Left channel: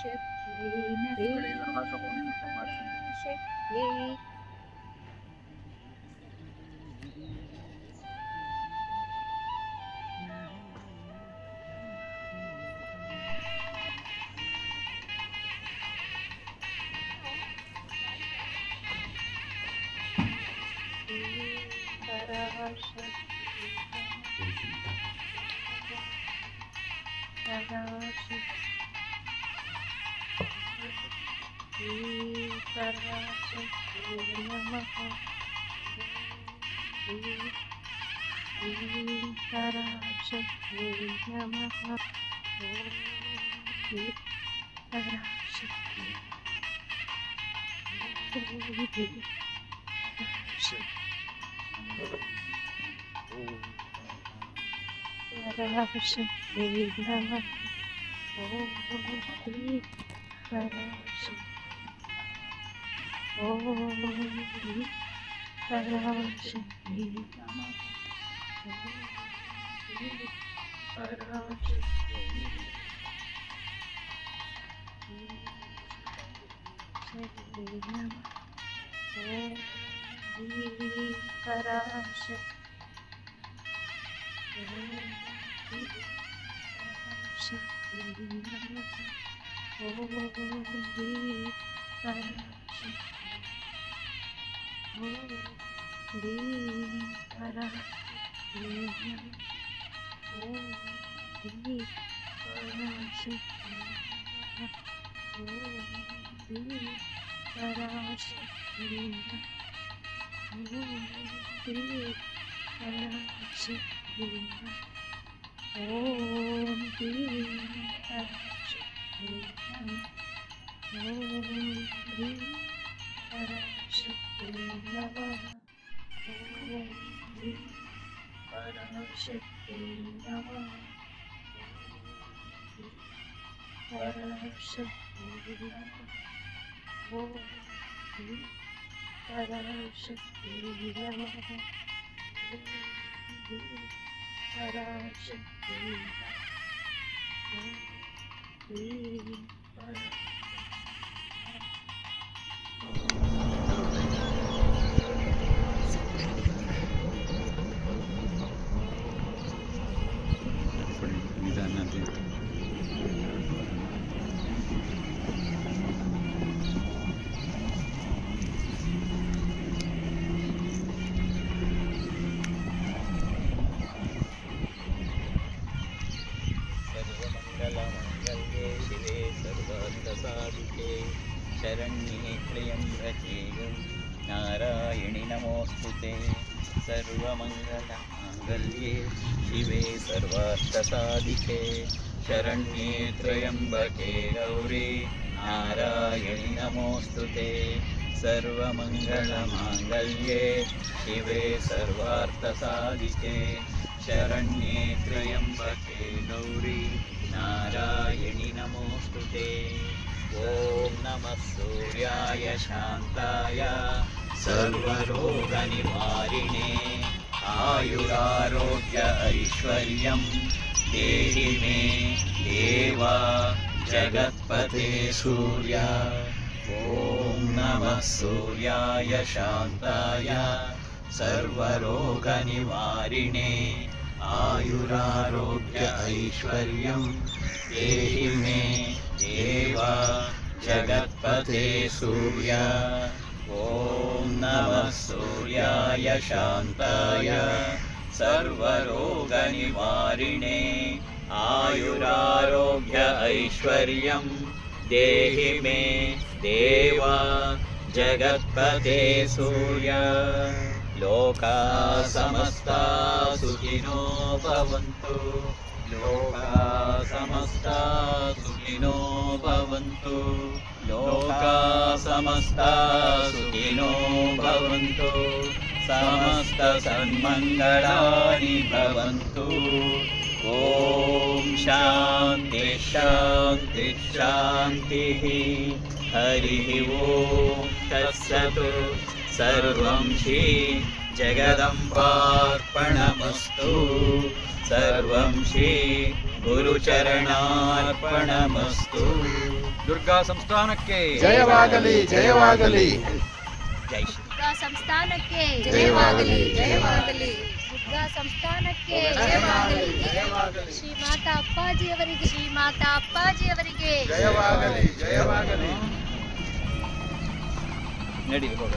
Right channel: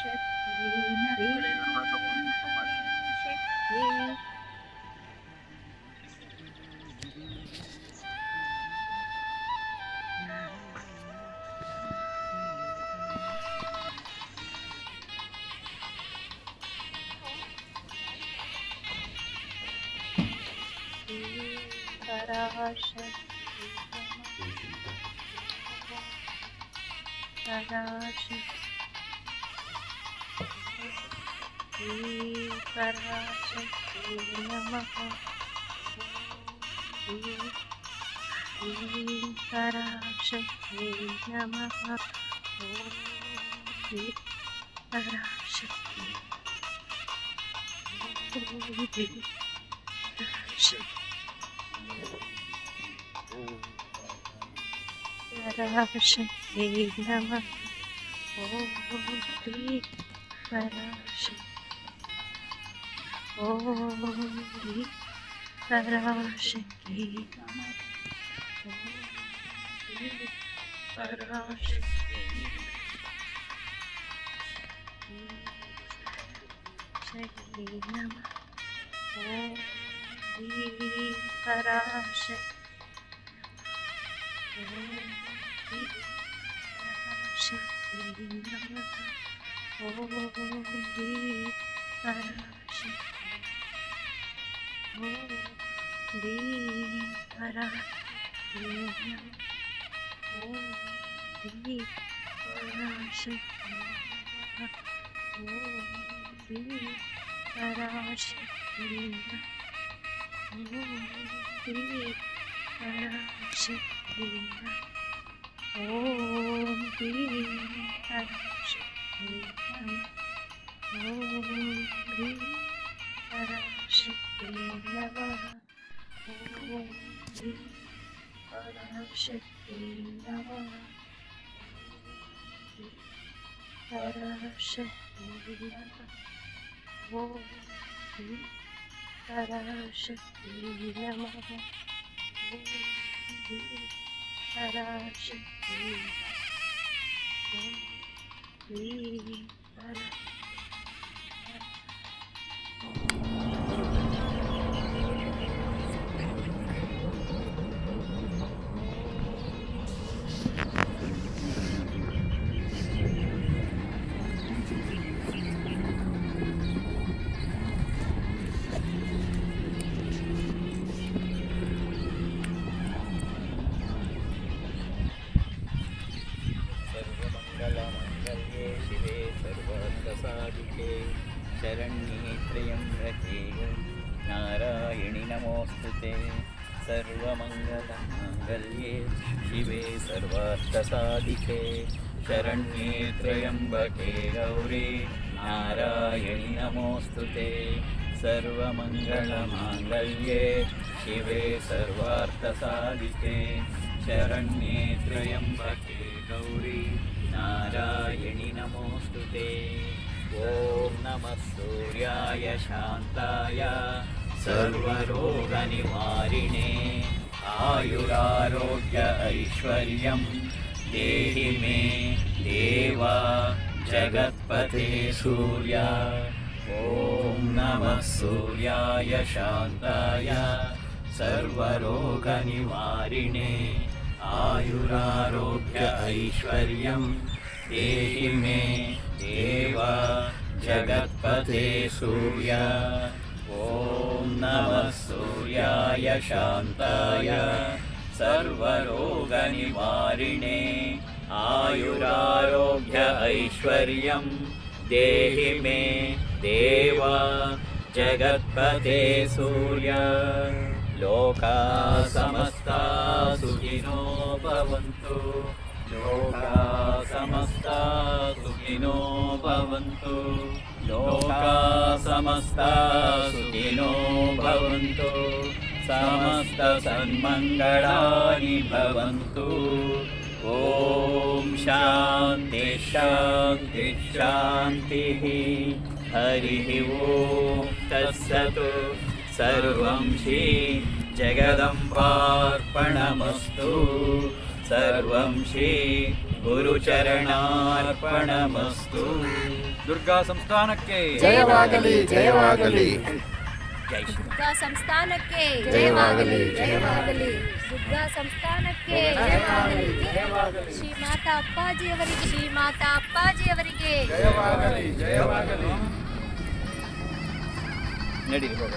सर्वमङ्गलमाङ्गल्ये शिवे सर्वार्थसाधिके शरण्ये त्र्यम्बके नारायणि नमोऽस्तुते। सर्वमङ्गलमाङ्गल्ये शिवे सर्वार्थसाधिके शरण्ये त्र्यम्बके गौरी नारायणि नमोऽस्तुते। सर्वमङ्गलमाङ्गल्ये शिवे सर्वार्थसाधिके शरण्ये त्र्यम्बके गौरी नारायणि नमोऽस्तुते। ॐ नमः सूर्याय शान्ताय सर्वरोगनिवारिणे आयुरारोग्य ऐश्वर्यं देहि मे देव जगत्पते सूर्य। ॐ नमः सूर्याय शान्ताय सर्वरोगनिवारिणे आयुरारोग्य ऐश्वर्यं देहि मे देव जगत्पते सूर्य। ॐ नमः सूर्याय शान्ताय सर्वरोगनिवारिणे आयुरारोग्य ऐश्वर्यं देहि मे देव जगत्पते सूर्य। लोका समस्ता सुखिनो भवन्तु, लोका समस्ता सुखिनो भवन्तु, लोका समस्ता सुखिनो भवन्तु, समस्त सन्मङ्गलानि भवन्तु। ॐ शान्ति शान्ति शान्तिः। हरिः ॐ तत्सत्। सर्वं श्री जगदम्बार्पणमस्तु, सर्वं श्री गुरुचरणार्पणमस्तु। ದುರ್ಗಾ ಸಂಸ್ಥಾನಕ್ಕೆ ಜಯವಾಗಲಿ ಜಯವಾಗಲಿ ಜೈ ಶ್ರೀ ದುರ್ಗಾ ಸಂಸ್ಥಾನಕ್ಕೆ ಜಯವಾಗಲಿ ಜಯವಾಗಲಿ ದುರ್ಗಾ ಸಂಸ್ಥಾನಕ್ಕೆ ಜಯವಾಗಲಿ ಶ್ರೀ ಮಾತಾ ಅಪ್ಪಾಜಿಯವರಿಗೆ ಶ್ರೀ ಮಾತಾ ಅಪ್ಪಾಜಿಯವರಿಗೆ ಜಯವಾಗಲಿ ಜಯವಾಗಲಿ ನಡಿ ಹೋಗೋಣ.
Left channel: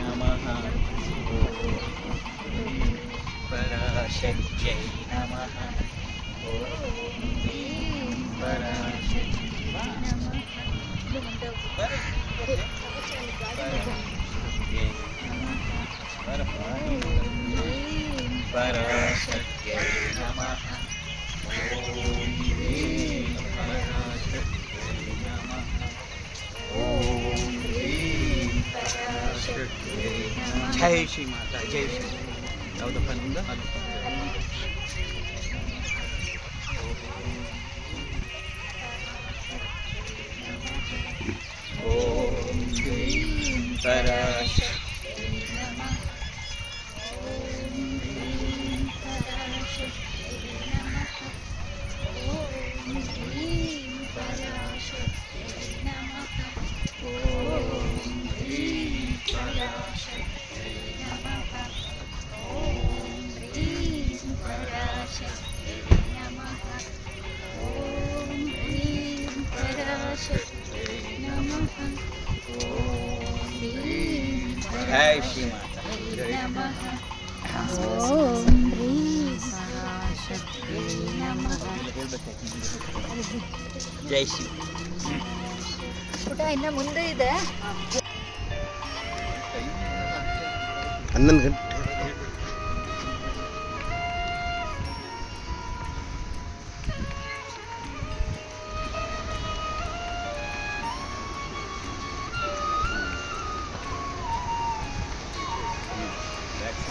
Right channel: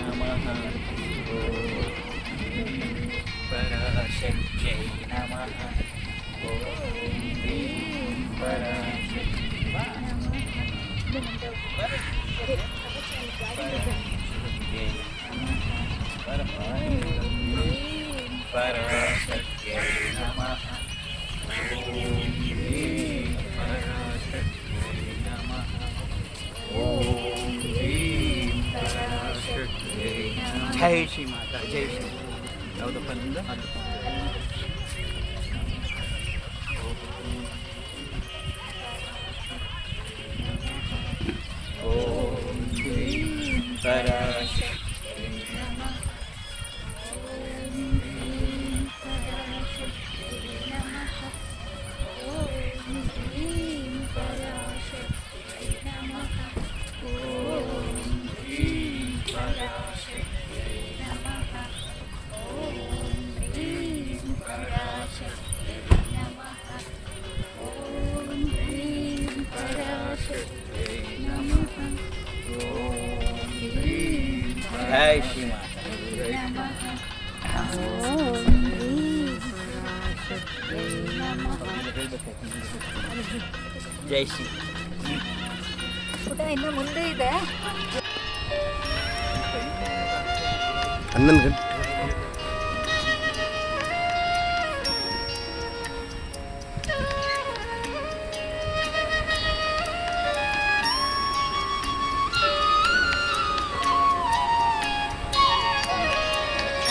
ನಮಃ ಓಂ ಪರಾಶಕ್ತಿಯೈ ನಮಃ ಓಂ ಪರಾಶಕ್ತಿಯೈ ಪರಾಶಕ್ತಿಯೈ ನಮಃ ಜೈ ಶ್ರೀ ಮಾತಾ ಜೈ ಶ್ರೀ ಯಾವುದಪ್ಪ ನಿಮ್ದು ಅದು ಓಂ ಶ್ರೀ ಪರಾಶಕ್ತಿಯೈ ನಮಃ ಜೈ ಶ್ರೀ ಮಾತಾ ಜೈ ಶ್ರೀ ಪುಟ ಇನ್ನು ಮುಂದೆ ಇದೆ 11 ಗಂಟೆ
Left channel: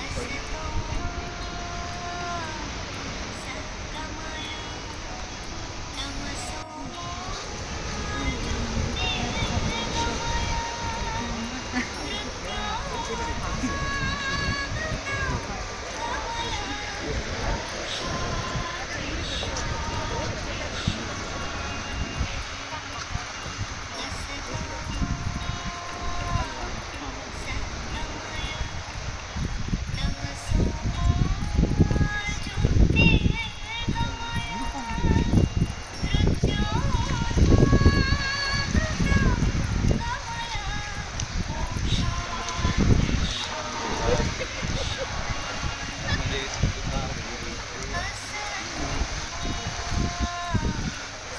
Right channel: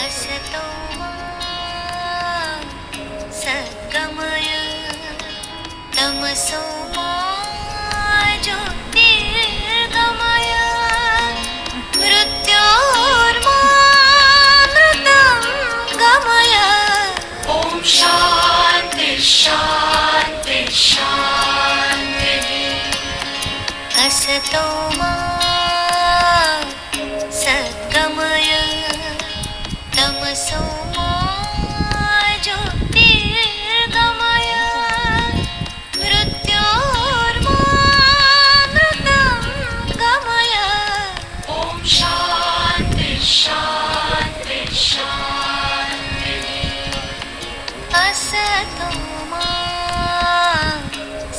असतो मा सद्गमय तमसो मा ज्योतिर्गमय मृत्योर्मामृतं गमय ॐ शान्ति शान्ति शान्तिः असतो मा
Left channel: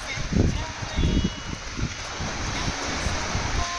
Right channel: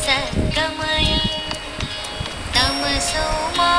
सद्गमय तमसो मा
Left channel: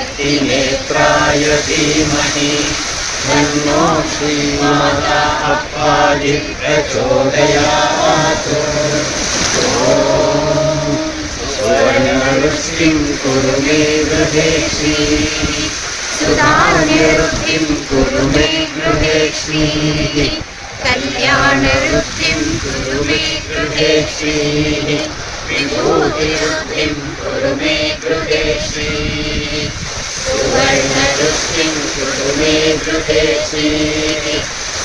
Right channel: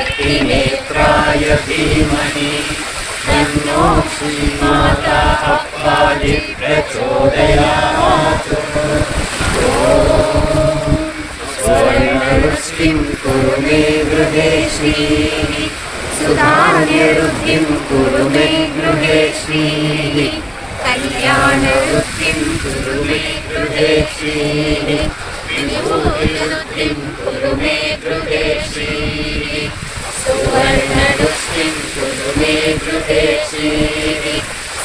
महाशक्तिनेत्राय धीमहि तन्नो श्रीमाता अप्पाजि प्रचोदयात्। सुवर्णवृष्टिं कुरु मे गृहे श्रीः सुधान्यवृद्धिं कुरु मे गृहे श्रीः कल्याणवृद्धिं कुरु मे गृहे श्रीः विभूतिवृद्धिं कुरु मे गृहे श्रीः सुवर्णवृष्टिं कुरु मे गृहे श्रीः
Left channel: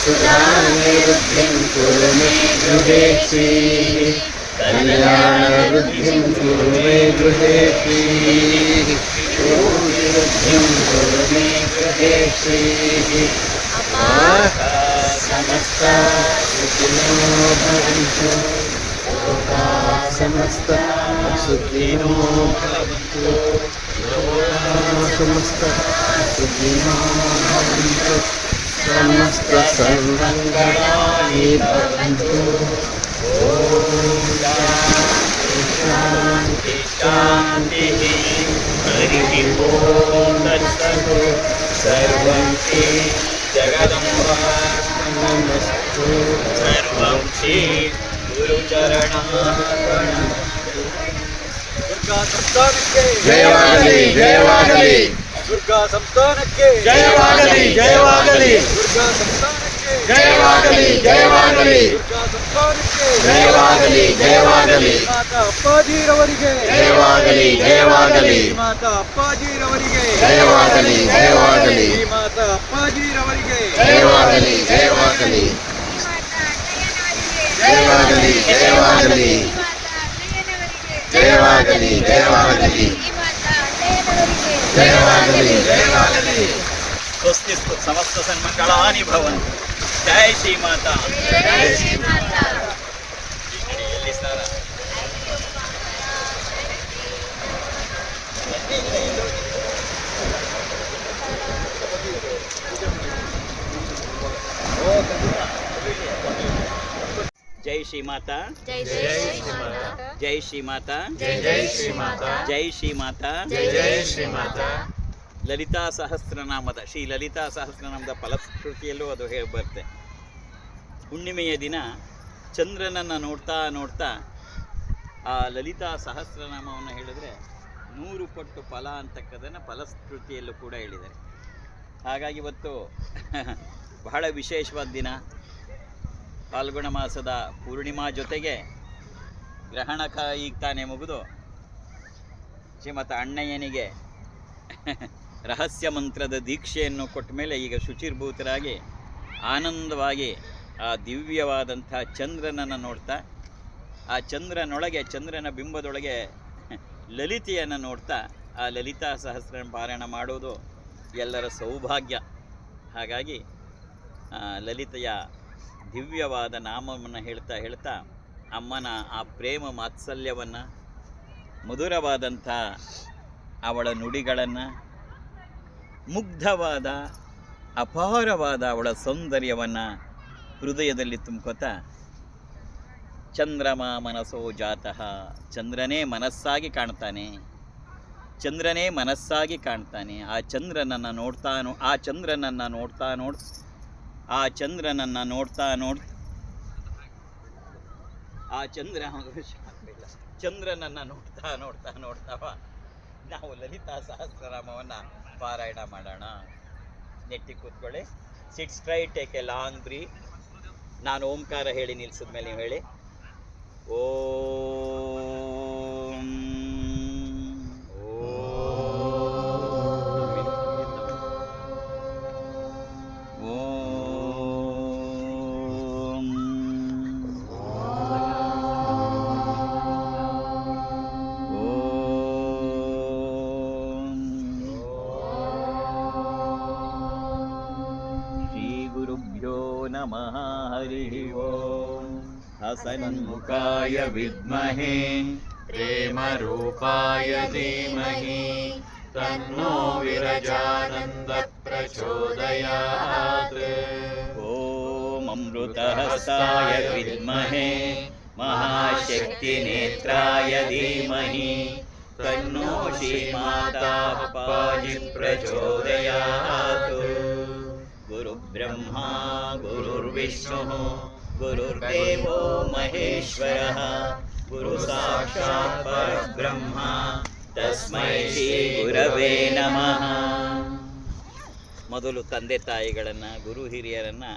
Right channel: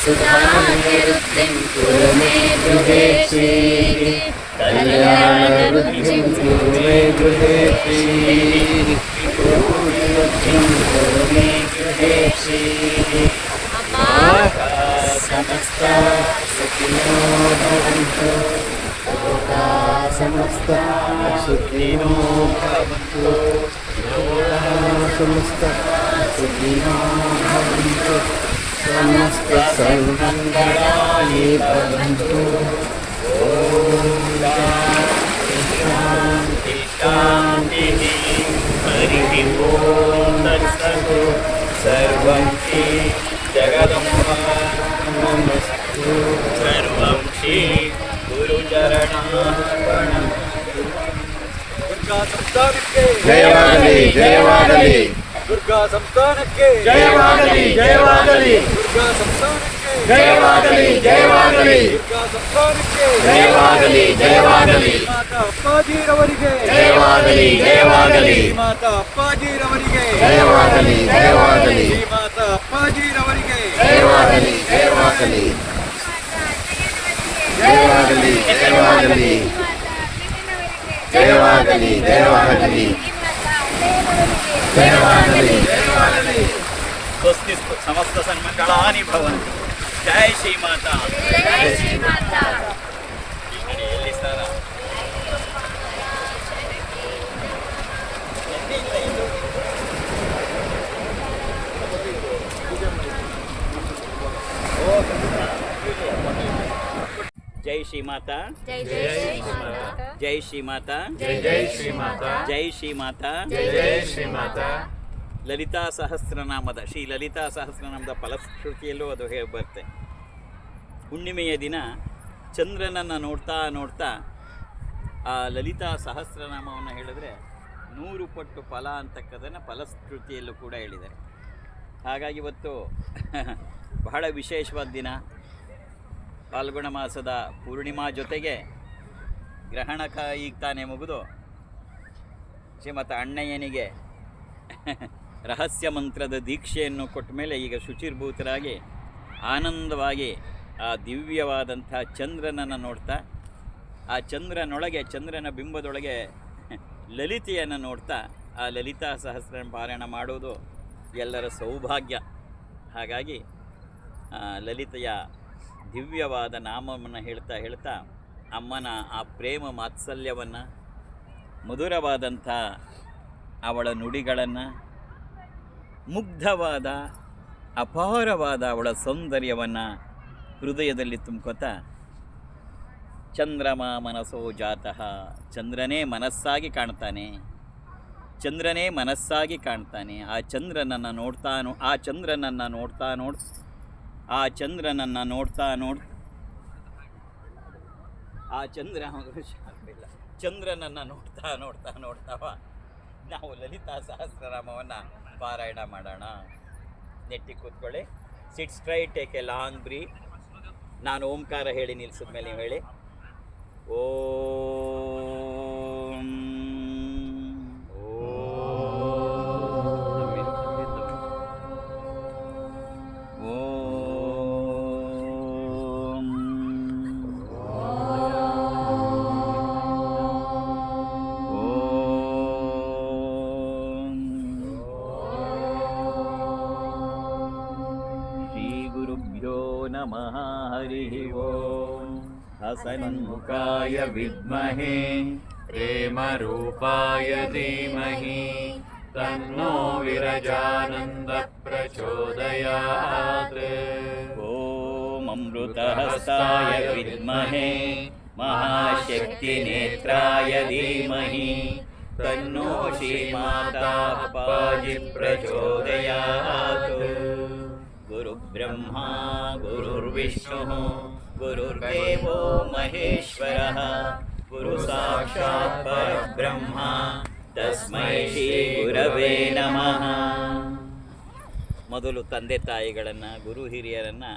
सुधान्यवृद्धिं कुरु मे गृहे श्रीः कल्याणवृद्धिं कुरु मे गृहे श्रीः विभूतिवृद्धिं कुरु मे गृहे श्रीः समस्ता सुखिनो भवन्तु लोकाः समस्ता सुखिनो भवन्तु लोकाः समस्ता सुखिनो भवन्तु समस्त सर्वमङ्गलानि भवन्तु। शान्ति शान्तिः हरिः ओं तत्सत् सर्वं श्री जगदम्बार्पणमस्तु सर्वं श्री गुरुचरणार्पणमस्तु। ದುರ್ಗಾ ಸಂಸ್ಥಾನಕ್ಕೆ ಜಯವಾಗಲಿ ಜಯವಾಗಲಿ ದುರ್ಗಾ ಸಂಸ್ಥಾನಕ್ಕೆ ಜಯವಾಗಲಿ ಜಯವಾಗಲಿ ದುರ್ಗಾ ಸಂಸ್ಥಾನಕ್ಕೆ ಜಯವಾಗಲಿ ಜಯವಾಗಲಿ ದುರ್ಗಾ ಸಂಸ್ಥಾನಕ್ಕೆ ಜಯವಾಗಲಿ ಜಯವಾಗಲಿ ಮಾತಾ ಅಪ್ಪಾಜಿರವರಿಗೆ ಜಯವಾಗಲಿ ಜಯವಾಗಲಿ ಮಾತಾ ಅಪ್ಪಾಜಿರವರಿಗೆ ಜಯವಾಗಲಿ ಜಯವಾಗಲಿ ಮಾತಾ ಅಪ್ಪಾಜಿರವರಿಗೆ ಜಯವಾಗಲಿ ಜಯವಾಗಲಿ ಜಯವಾಗಲಿ ಜಯವಾಗಲಿ ಜಯವಾಗಲಿ ಜಯವಾಗಲಿ ಜಯವಾಗಲಿ ಜಯವಾಗಲಿ ಸ್ವಸ್ತಿ ಸಮಸ್ತ ಸನ್ಮಂಗಳಾನಿ ಭವಂತು। ಜಯ ಶ್ರೀ ಮಾತಾ। ಈ ಕಡೆ ಎಲ್ಲಿ ಸ್ನಾನ? जय श्री माता जय श्री माता ಜಯ ಶ್ರೀ ಮಾತಾ जय श्री माता ಜಯ ಶ್ರೀ ಮಾತಾ ಲಲಿತಾ ಸಹಸ್ರನಾಮದ ಶ್ರೀ ಲಲಿತಾ ಸಹಸ್ರನಾಮದ ಫಲಶ್ರುತಿಯಲ್ಲೂ ಅದು ಬರುತ್ತೆ. ಹುಣ್ಣಿಮೆಯ ದಿನ ಚಂದ್ರನನ್ನು ನೋಡ್ತಾ ನೋಡ್ತಾ ಆ ಲಲಿತಾ ಸಹಸ್ರನಾಮವನ್ನು ಹೇಳಿದ್ರೆ 100 ಪಟ್ಟು ಫಲ ಅಂತಕ್ಕದನ್ನು ಫಲಶ್ರುತಿಯಲ್ಲೂ ಕೂಡ ಹೇಳಿದ್ದಾರೆ. ಹಾಗಾಗಿ ಇವತ್ತು ಬಹಳ ವಿಶೇಷವಾದ ದಿನ. ಫಾಲ್ಗುಣ ಮಾಸದ ಪೂರ್ಣಿಮಾ ಜೊತೆಗೆ ಗ್ರಹಣ ಈಗ ತಾನೇ ಮುಗಿದು ಶ್ರೀಮತ ಅಣ್ಣಯ್ಯನಿಗೆ ರಹಸ್ಯ ಮಂತ್ರದ ದೀಕ್ಷೆಯನ್ನು ಕೊಟ್ಟ ಮೇಲೆ ಈಗ ಶುಚಿರ್ಭೂತರಾಗಿ ಆನಂದವಾಗಿ ಆ ದಿವ್ಯವಾದಂಥ ಚಂದ್ರನನ್ನು ನೋಡ್ತಾ ಆ ಚಂದ್ರನೊಳಗೆ ಚಂದ್ರನ ಬಿಂಬದೊಳಗೆ ಲಲಿತೆಯನ್ನು ನೋಡ್ತಾ ಆ ಲಲಿತಾ ಸಹಸ್ರ ಪಾರಾಯಣ ಮಾಡೋದು ಎಲ್ಲರ ಸೌಭಾಗ್ಯ. ಹಾಗಾಗಿ ಲಲಿತೆಯ ದಿವ್ಯವಾದ ನಾಮವನ್ನು ಹೇಳ್ತಾ ಹೇಳ್ತಾ ಅಮ್ಮನ ಆ ಪ್ರೇಮ ಮಾತ್ಸಲ್ಯವನ್ನು, ಮಧುರವಾದಂಥ ಅವಳ ನುಡಿಗಳನ್ನು, ಮುಗ್ಧವಾದ ಅಪಾರವಾದ ಅವಳ ಸೌಂದರ್ಯವನ್ನು ಹೃದಯದಲ್ಲಿ ತುಂಬ್ಕೋತಾ ಚಂದ್ರಮ ಮನಸೋ ಜಾತಃ, ಚಂದ್ರನೇ ಮನಸ್ಸಾಗಿ ಕಾಣ್ತಾನೆ, ಚಂದ್ರನೇ ಮನಸ್ಸಾಗಿ ಕಾಣ್ತಾನೆ. ಆ ಚಂದ್ರನನ್ನು ನೋಡ್ತಾನೋ ಆ ಚಂದ್ರನನ್ನು ನೋಡ್ತಾ ಆ ಚಂದ್ರನನ್ನು ನೋಡ್ತಾ ಆ ಚಂದ್ರನನ್ನು ನೋಡ್ತಾವ ನಾವು ಲಲಿತಾ ಸಹಸ್ರನಾಮವನ್ನು ಪಾರಾಯಣ ಮಾಡೋಣ. ನೆಟ್ಟಿ ಕೂತ್ಕೊಳ್ಳಿ. Sit straight, take a long breath. ನಾನು ಓಂಕಾರ ಹೇಳಿ ನಿಲ್ಲಿಸಿದ ಮೇಲೆ ನೀವು ಹೇಳಿ ಓಂ. नमः हरिः ओं। हसन्मुखाय विद्महे प्रेमरूपाय धीमहि तन्नो विरजानन्दः प्रचोदयात्। ॐ अमृतहस्ताय विद्महे महाशक्तिनेत्राय धीमहि तन्नो श्रीमाता अप्पाजि प्रचोदयात्। गुरुब्रह्मा गुरुर्विष्णुः गुरुर्देवो महेश्वरः गुरुसाक्षात् परब्रह्म तस्मै ಶ್ರೀ ಗುರವೇ ನಮಃ. ಮೊದಲು ತಂದೆ ತಾಯಿಗಳನ್ನು, ಗುರು ಹಿರಿಯರನ್ನು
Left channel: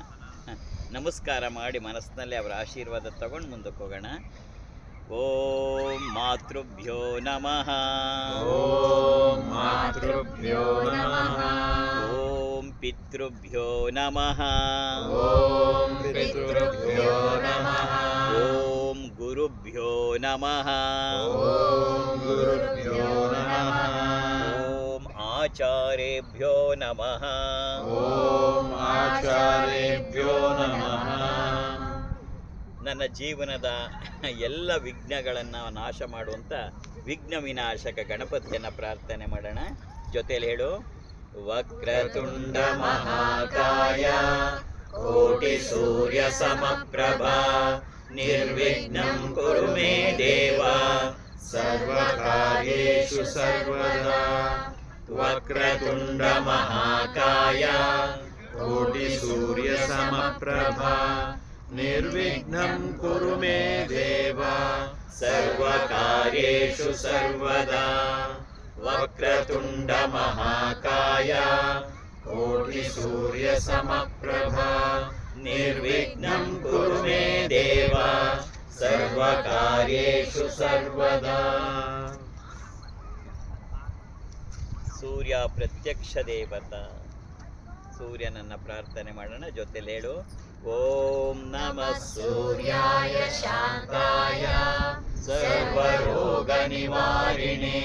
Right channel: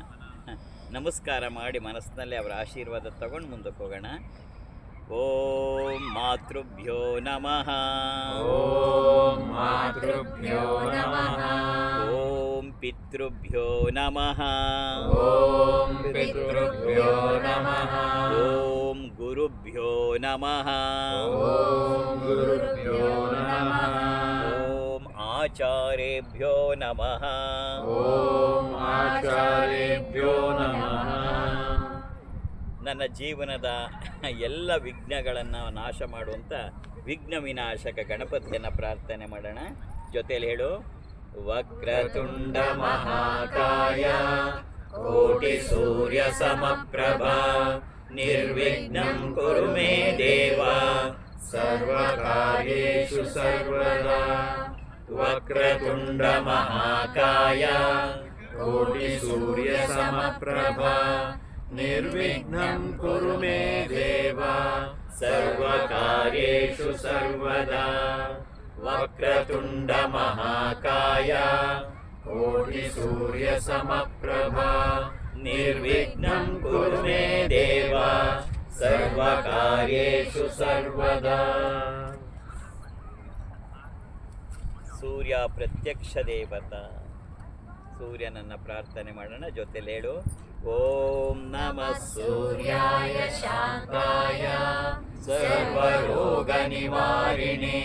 ನಮಸ್ಕಾರ ಮಾಡಿ ಮನಸ್ಸಿನಲ್ಲಿ ಅವರ ಆಶೀರ್ವಾದ ತಗೊಂಡು ಮುಂದಕ್ಕೆ ಹೋಗೋಣ. ಓಂ ಮಾತೃಭ್ಯೋ ನಮಃ. ಓಂ ಮಾತೃಭ್ಯೋ ನಮಃ. ಓಂ ಪಿತೃಭ್ಯೋ ನಮಃ. ಓಂ ಪಿತೃಭ್ಯೋ ನಮಃ. ಓಂ ಗುರುಭ್ಯೋ ನಮಃ. ಓಂ ಗುರುಭ್ಯೋ ನಮಃ. ಓಂ ಆಚಾರ್ಯೇಭ್ಯೋ ನಮಃ. ಓಂ ಆಚಾರ್ಯೇಭ್ಯೋ ನಮಃ. ನನ್ನ ಜೀವನದ ಎಲ್ಲ ವಿಘ್ನಗಳನ್ನು ನಾಶ ಮಾಡುವಂಥ ವಿಘ್ನ ವಿನಾಶಕ ಗಣಪತಿಯನ್ನು ಪ್ರಾರ್ಥನೆ ಮಾಡೋಣ. ಜೊತೆಯಲ್ಲಿ ಹೇಳು. ವಕ್ರತುಂಡ ಮಹಾಕಾಯ ಕೋಟಿ ಸೂರ್ಯ ಸಮಪ್ರಭಾ ನಿರ್ವಿಘ್ನಂ ಕುರು ಮೇ ದೇವ ಸರ್ವಕಾರ್ಯೇಷು ಸರ್ವದಾ. ವಕ್ರತುಂಡ ಮಹಾಕಾಯ ಕೋಟಿ ಸೂರ್ಯ ಸಮಪ್ರಭಾ ನಿರ್ವಿಘ್ನಂ ಕುರು ಮೇ ದೇವ ಸರ್ವಕಾರ್ಯೇಷು ಸರ್ವದಾ. ವಕ್ರತುಂಡ ಮಹಾಕಾಯ ಕೋಟಿ ಸೂರ್ಯ ಸಮಪ್ರಭಾ ನಿರ್ವಿಘ್ನಂ ಕುರು ಮೇ ದೇವ ಸರ್ವಕಾರ್ಯೇಷು ಸರ್ವದಾ. ಸೂರ್ಯ ಪ್ರತ್ಯಕ್ಷ ದೇವತಾ. ಸೂರ್ಯನನ್ನು ಪ್ರಾರ್ಥನೆ ಮಾಡೋಣ. ಜೊತೆಲಿ ಹೇಳು. ಓಂ ನಮಃ ಸೂರ್ಯಾಯ ಶಾಂತಾಯ ಸರ್ವರೋಗ ನಿವಾರಿಣೇ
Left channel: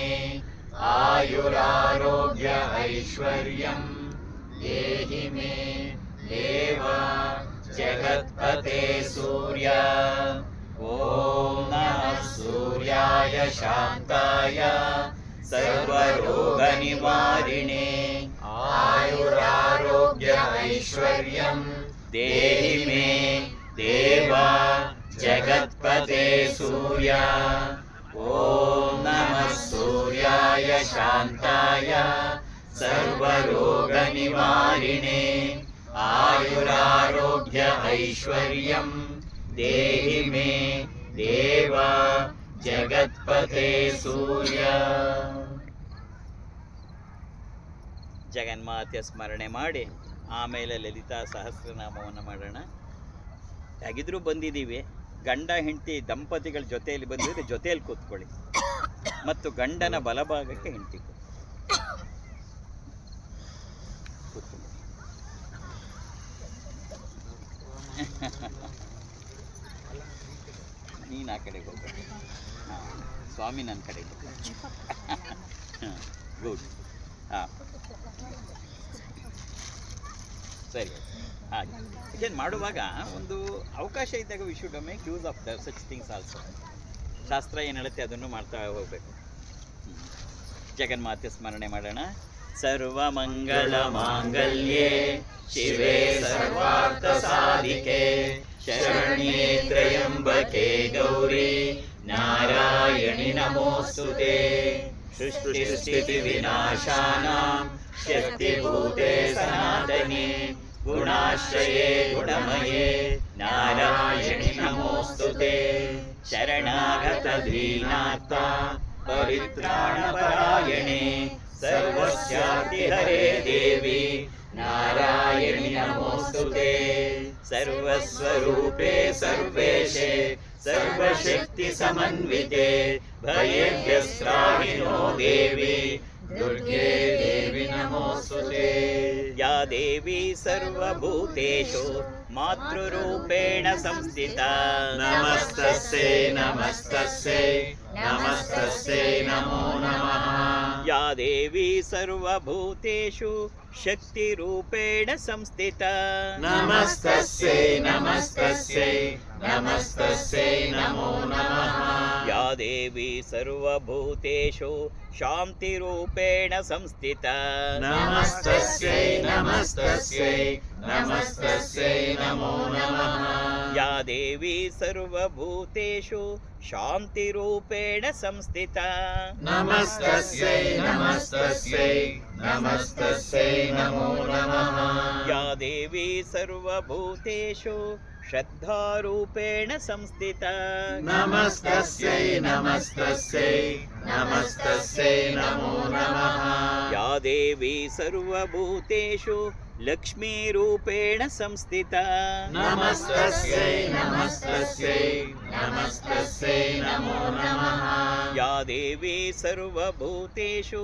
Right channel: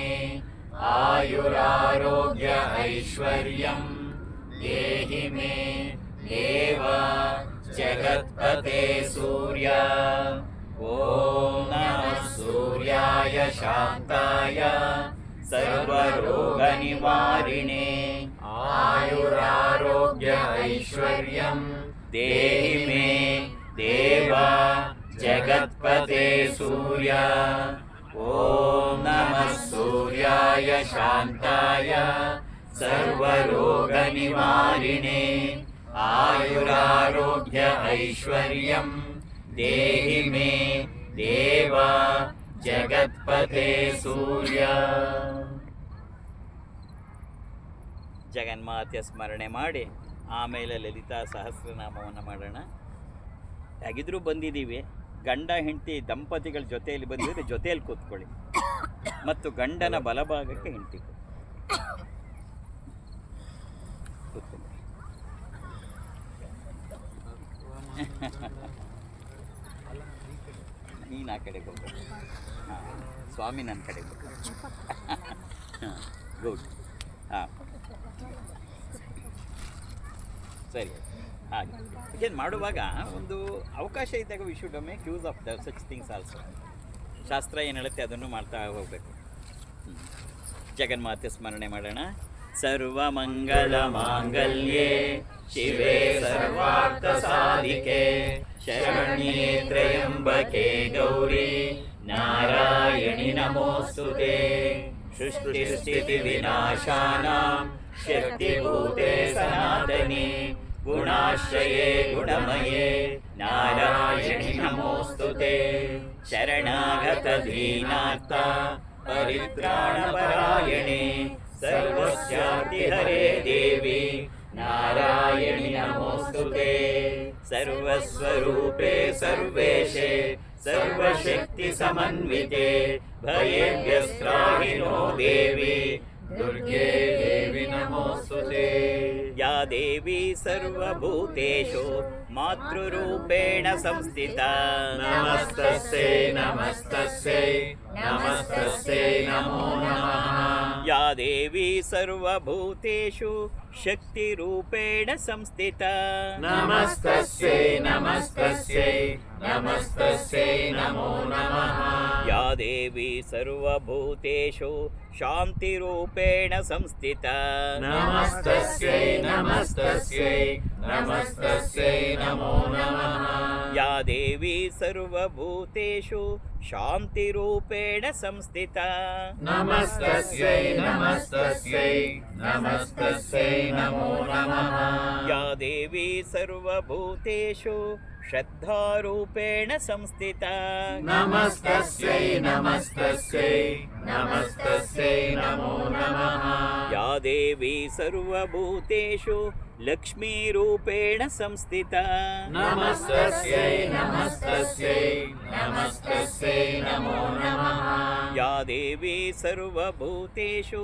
ಆಯುರಾರೋಗ್ಯ ಐಶ್ವರ್ಯಂ ದೇಹಿ ಮೇ ದೇವ ಜಗತ್ಪತೆ ಸೂರ್ಯ. ಓಂ ನಮಃ ಸೂರ್ಯಾಯ ಶಾಂತಾಯ ಸರ್ವರೋಗ ನಿವಾರಿಣೇ ಆಯುರಾರೋಗ್ಯ ಐಶ್ವರ್ಯಂ ದೇಹಿ ಮೇ ದೇವ ಜಗತ್ಪತೆ ಸೂರ್ಯ. ಓಂ ನಮಃ ಸೂರ್ಯಾಯ ಶಾಂತಾಯ ಸರ್ವರೋಗ ನಿವಾರಿಣೇ ಆಯುರಾರೋಗ್ಯ ಐಶ್ವರ್ಯಂ ದೇಹಿ ಮೇ ದೇವ ಜಗತ್ಪತೆ ಸೂರ್ಯ. ಜಗನ್ಮಾತೆಯ ಸ್ಮರಣೆ ಮಾಡಿ ಆಮೇಲೆ ಲಲಿತಾ ಸಹಸ್ರನಾಮವನ್ನು ಮಾಡೋಣ. ಹೇಗಿದ್ರೂ ಬಂದಿದ್ದೀವಿ, ಗಂಡ ಹೆಂಡತಿ ದಂಪತಿಗಳ ಜೊತೆಯಲ್ಲಿ ಬಂದಿದ್ರೆ ಜೊತೆಯಲ್ಲಿ ಕೂತ್ಕೊಳ್ಳಿ ಮತ್ತು ಗಂಡನ ಬಲಭಾಗಕ್ಕೆ ಹೆಂಡತಿ ಕೂತ್ಕೊಳ್ಳಿ. ನೀನು ಆ ಕಡೆಗೆ ಹೋಗು. ಹಾಂ, ಸ್ವಾಮಿ ನನ್ನ ಕಡೆಗೆ ಹೋಗು. ಗುಡ್. ಹಾಂ, ಸರಿ. ಹಾಗೆ ಇದನ್ನು ಮಾಡುವಾಗ ಒಂದು ಅವಕಾಶ ಇದ್ದಾಗ we should make use of the such things also. ಶಾಸ್ತ್ರ ಏನು ಹೇಳುತ್ತೆ ಅದನ್ನು ಮಾಡ್ತಾ ಹೋಗಬೇಕು. ಜಗನ್ಮಾತೆ ಸ್ಮರಣೆ ಮಾಡೋಣ. ಸರ್ವಮಂಗಲ ಮಾಂಗಲ್ಯೆ ಶಿವೆ ಸರ್ವಾರ್ಥ ಸಾಧಿಕೆ ಶರಣ್ಯೇ ತ್ರ್ಯಂಬಕೆ ಗೌರಿ ನಾರಾಯಣಿ ನಮೋಸ್ತುತೆ. ಸೃಷ್ಟಿ ಸ್ಥಿತಿ ವಿನಾಶಾನಾಂ ಶಕ್ತಿಭೂತೆ ಸನಾತನಿ ಗುಣಾಶ್ರಯೇ ಗುಣಮಯೇ ನಾರಾಯಣಿ ನಮೋಸ್ತುತೆ. ಶರಣಾಗತ ದೀನಾರ್ಥ ಪರಿತ್ರಾಣಪರಾಯಣೆ ಸರ್ವಸ್ಯಾರ್ತಿ ಹರೇ ದೇವಿ ನಾರಾಯಣಿ ನಮೋಸ್ತುತೆ. ಸರ್ವಸ್ವರೂಪೇ ಸರ್ವೇಶೇ ಸರ್ವಶಕ್ತಿ ಸಮನ್ವಿತೆ ಭಯೇಭ್ಯಸ್ತ್ರಾಹಿನೋ ದೇವಿ ದುರ್ಗೆ ದೇವಿ ನಮೋಸ್ತುತೆ. ಯಾ ದೇವಿ ಸರ್ವಭೂತೇಷು ಮಾತೃರೂಪೇಣ ಸಂಸ್ಥಿತಾ ನಮಸ್ತಸ್ಯೈ ನಮಸ್ತಸ್ಯೈ ನಮಸ್ತಸ್ಯೈ ನಮೋ ನಮಃ. ಯಾ ದೇವಿ ಸರ್ವಭೂತೇಷು ಶಕ್ತಿರೂಪೇಣ ಸಂಸ್ಥಿತಾ ನಮಸ್ತಸ್ಯೈ ನಮಸ್ತಸ್ಯೈ ನಮಸ್ತಸ್ಯೈ ನಮೋ ನಮಃ. ಯಾ ದೇವಿ ಸರ್ವಭೂತೇಷು ಶಾಂತಿರೂಪೇಣ ಸಂಸ್ಥಿತಾ ನಮಸ್ತಸ್ಯೈ ನಮಸ್ತಸ್ಯೈ ನಮಸ್ತಸ್ಯೈ ನಮೋ ನಮಃ. ಯಾ ದೇವಿ ಸರ್ವಭೂತೇಷು ಶಾಂತಿರೂಪೇಣ ಸಂಸ್ಥಿತ. ನಮಸ್ತಸ್ಯೈ ನಮಸ್ತಸ್ಯೈ ನಮಸ್ತಸ್ಯೈ ನಮೋ ನಮಃ. ಯಾ ದೇವಿ ಸರ್ವಭೂತೇಷು ಶ್ರದ್ಧಾರೂಪೇಣ ಸಂಸ್ಥಿತ. ನಮಸ್ತಸ್ಯೈ ನಮಸ್ತಸ್ಯೈ ನಮಸ್ತಸ್ಯೈ ನಮೋ ನಮಃ. ಯಾ ದೇವಿ ಸರ್ವಭೂತೇಷು ಲಕ್ಷ್ಮೀರೂಪೇಣ ಸಂಸ್ಥಿತ. ನಮಸ್ತಸ್ಯೈ ನಮಸ್ತಸ್ಯೈ ನಮಸ್ತಸ್ಯೈ ನಮೋ ನಮಃ. ಯಾ ದೇವಿ ಸರ್ವಭೂತೇಷು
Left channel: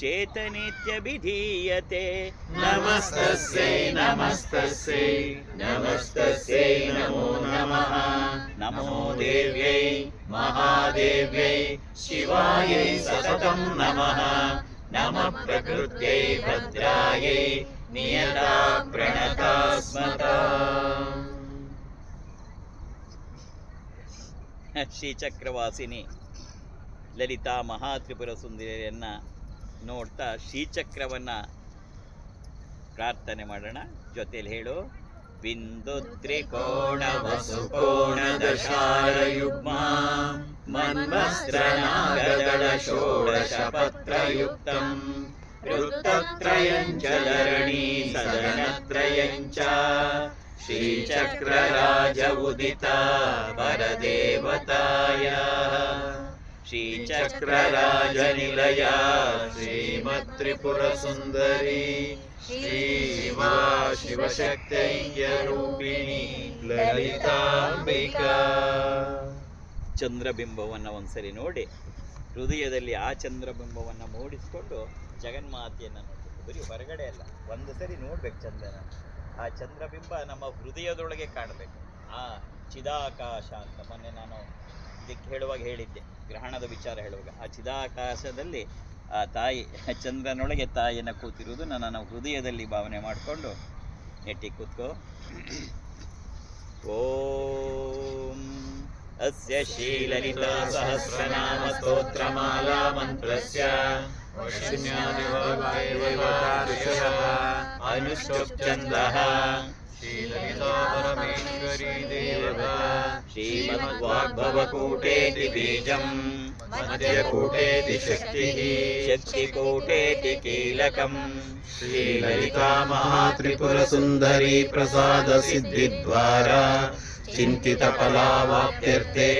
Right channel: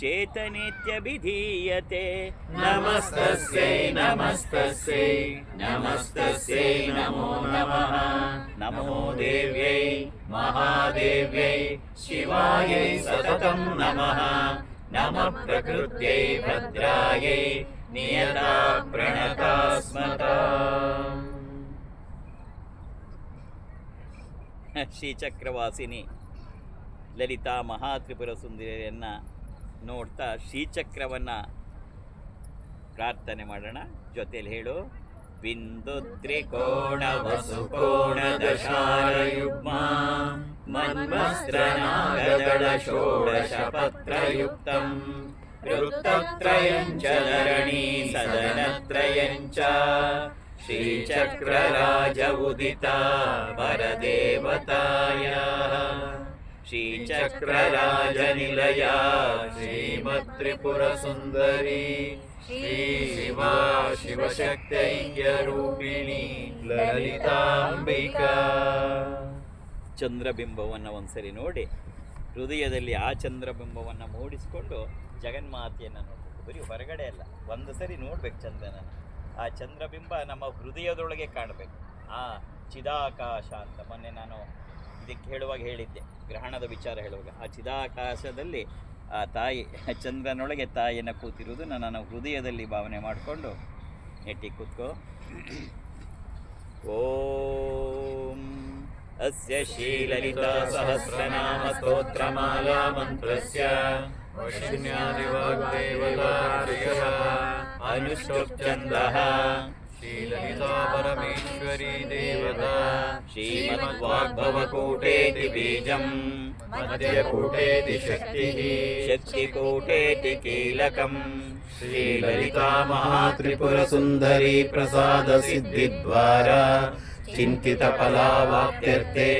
ಚೇತನೇತ್ಯಭಿಧೀಯತೆ. ನಮಸ್ತಸ್ಯೈ ನಮಸ್ತಸ್ಯೈ ನಮಸ್ತಸ್ಯೈ ನಮೋ ನಮಃ. ನಮೋ ದೇವ್ಯೈ ಮಹಾದೇವ್ಯೈ ಶಿವಾಯೈ ಸತತಂ ನಮಃ. ನಮಃ ಪ್ರಕೃತ್ಯೈ ಭದ್ರಾಯೈ ನಿಯತಾ ಪ್ರಣತಾ ಸ್ಮತಾ. ಶ್ರೀಚಕ್ರವಾಸಿನಿ ಲಲಿತಾ ಮಹಾತ್ರಿಪುರ ಸುಂದರಿಯನ್ನು ನೋಡ್ತಾ ಶ್ರೀಚಕ್ರವನ್ನು ಪ್ರಾರ್ಥನೆ ಮಾಡೋಣ. ಜೊತೆಯಲ್ಲಿ ಹೇಳು. ಬಿಂದು ತ್ರಿಕೋಣ ವಸುಕೋಣ ದಶಾರಯುಗ್ಮ ಮನ್ವಸ್ತ್ರನಾಗದಳ ಷೋಡಶ ಪತ್ರಯುಕ್ತಂ ವೃತ್ತತ್ರಯಂ ಚ ಧರಣಿ ಸದನತ್ರಯಂ ಚ ಶ್ರೀಚಕ್ರರಾಜ ಉದಿತ ಪರದೇವತಾಯಾಃ ಶ್ರೀಚಕ್ರರಾಜನಿಲಯ ಶ್ರೀಮತ್ ತ್ರಿಪುರ ಸುಂದರಿ ಶ್ರೀ ಶಿವಾ ಶಿವಶಕ್ತೈಕ್ಯ ರೂಪಿಣಿ ಲಲಿತಾಂಬಿಕಾ. ಚಂದ್ರಬಿಂಬವನ್ನು ಒಂದ್ಸರಿ ನೋಡಿ ಹೃದಯದಲ್ಲಿ ಆ ಚಂದ್ರಬಿಂಬವನ್ನು ಮೂಡಿಸಿಕೊಂಡು ಜಗನ್ಮಾತೆಯನ್ನು ನೋಡಬೇಕು. ಬರೀ ಹೊರಗಡೆ ಅಲ್ಲ, ಒಂದು ಸರಿ ನೋಡ್ಬೇಕು ಚಂದ್ರನನ್ನು. ಆ ಚಂದ್ರಬಿಂಬ ನಮ್ಮ ಹೃದಯದೊಳಗೆ ಕಾಣಬೇಕು. ಆ ಚಿದಾಕಾಶ ಅಂತ ಮೊನ್ನೆ ನಾನು ಇದಕ್ಕೆ ಹೇಳುವಾಗ ಹೇಳಿದ್ದೆ, ಗ್ರಹಣದ ವಿಚಾರ ಹೇಳುವಾಗ. ಆ ಚಿದಾಕಾಶದಲ್ಲಿ ಆ ತಾಯಿ ಚಂದ್ರನೊಳಗೆ ತಾಯಿಯನ್ನು ಕೂತಿರುವುದು ನನ್ನ ಹೃದಯದಲ್ಲಿ ಭಾವನೆ ಮಾಡಿಕೊಂಡು ನೆಟ್ಟಿ ಕೂತ್ಕೋ. ಓಂ ಅಸ್ಯ ಶ್ರೀಲಲಿತಾ ಸಹಸ್ರನಾಮ ಸ್ತೋತ್ರಮಾಲಾ ಮಂತ್ರಸ್ಯ ಅನುಷ್ಠುಪ್ ಛಂದಃ ಶ್ರೀಮದ್ವಾಗ್ಭವಕೂಟೇತಿ ಬೀಜಂ ಮಧ್ಯಕೂಟೇತಿ ಶಕ್ತಿಃ ಶಕ್ತಿಕೂಟೇತಿ ಕೀಲಕಂ ಶ್ರೀಲಲಿತಾ ಮಹಾತ್ರಿಪುರ ಸುಂದರಿ ಪ್ರಸಾದ ಸಿದ್ಧಿದ್ವಾರ ಚಿಂತಿತ ಫಲಾವಾಪ್ತ್ಯರ್ಥೆ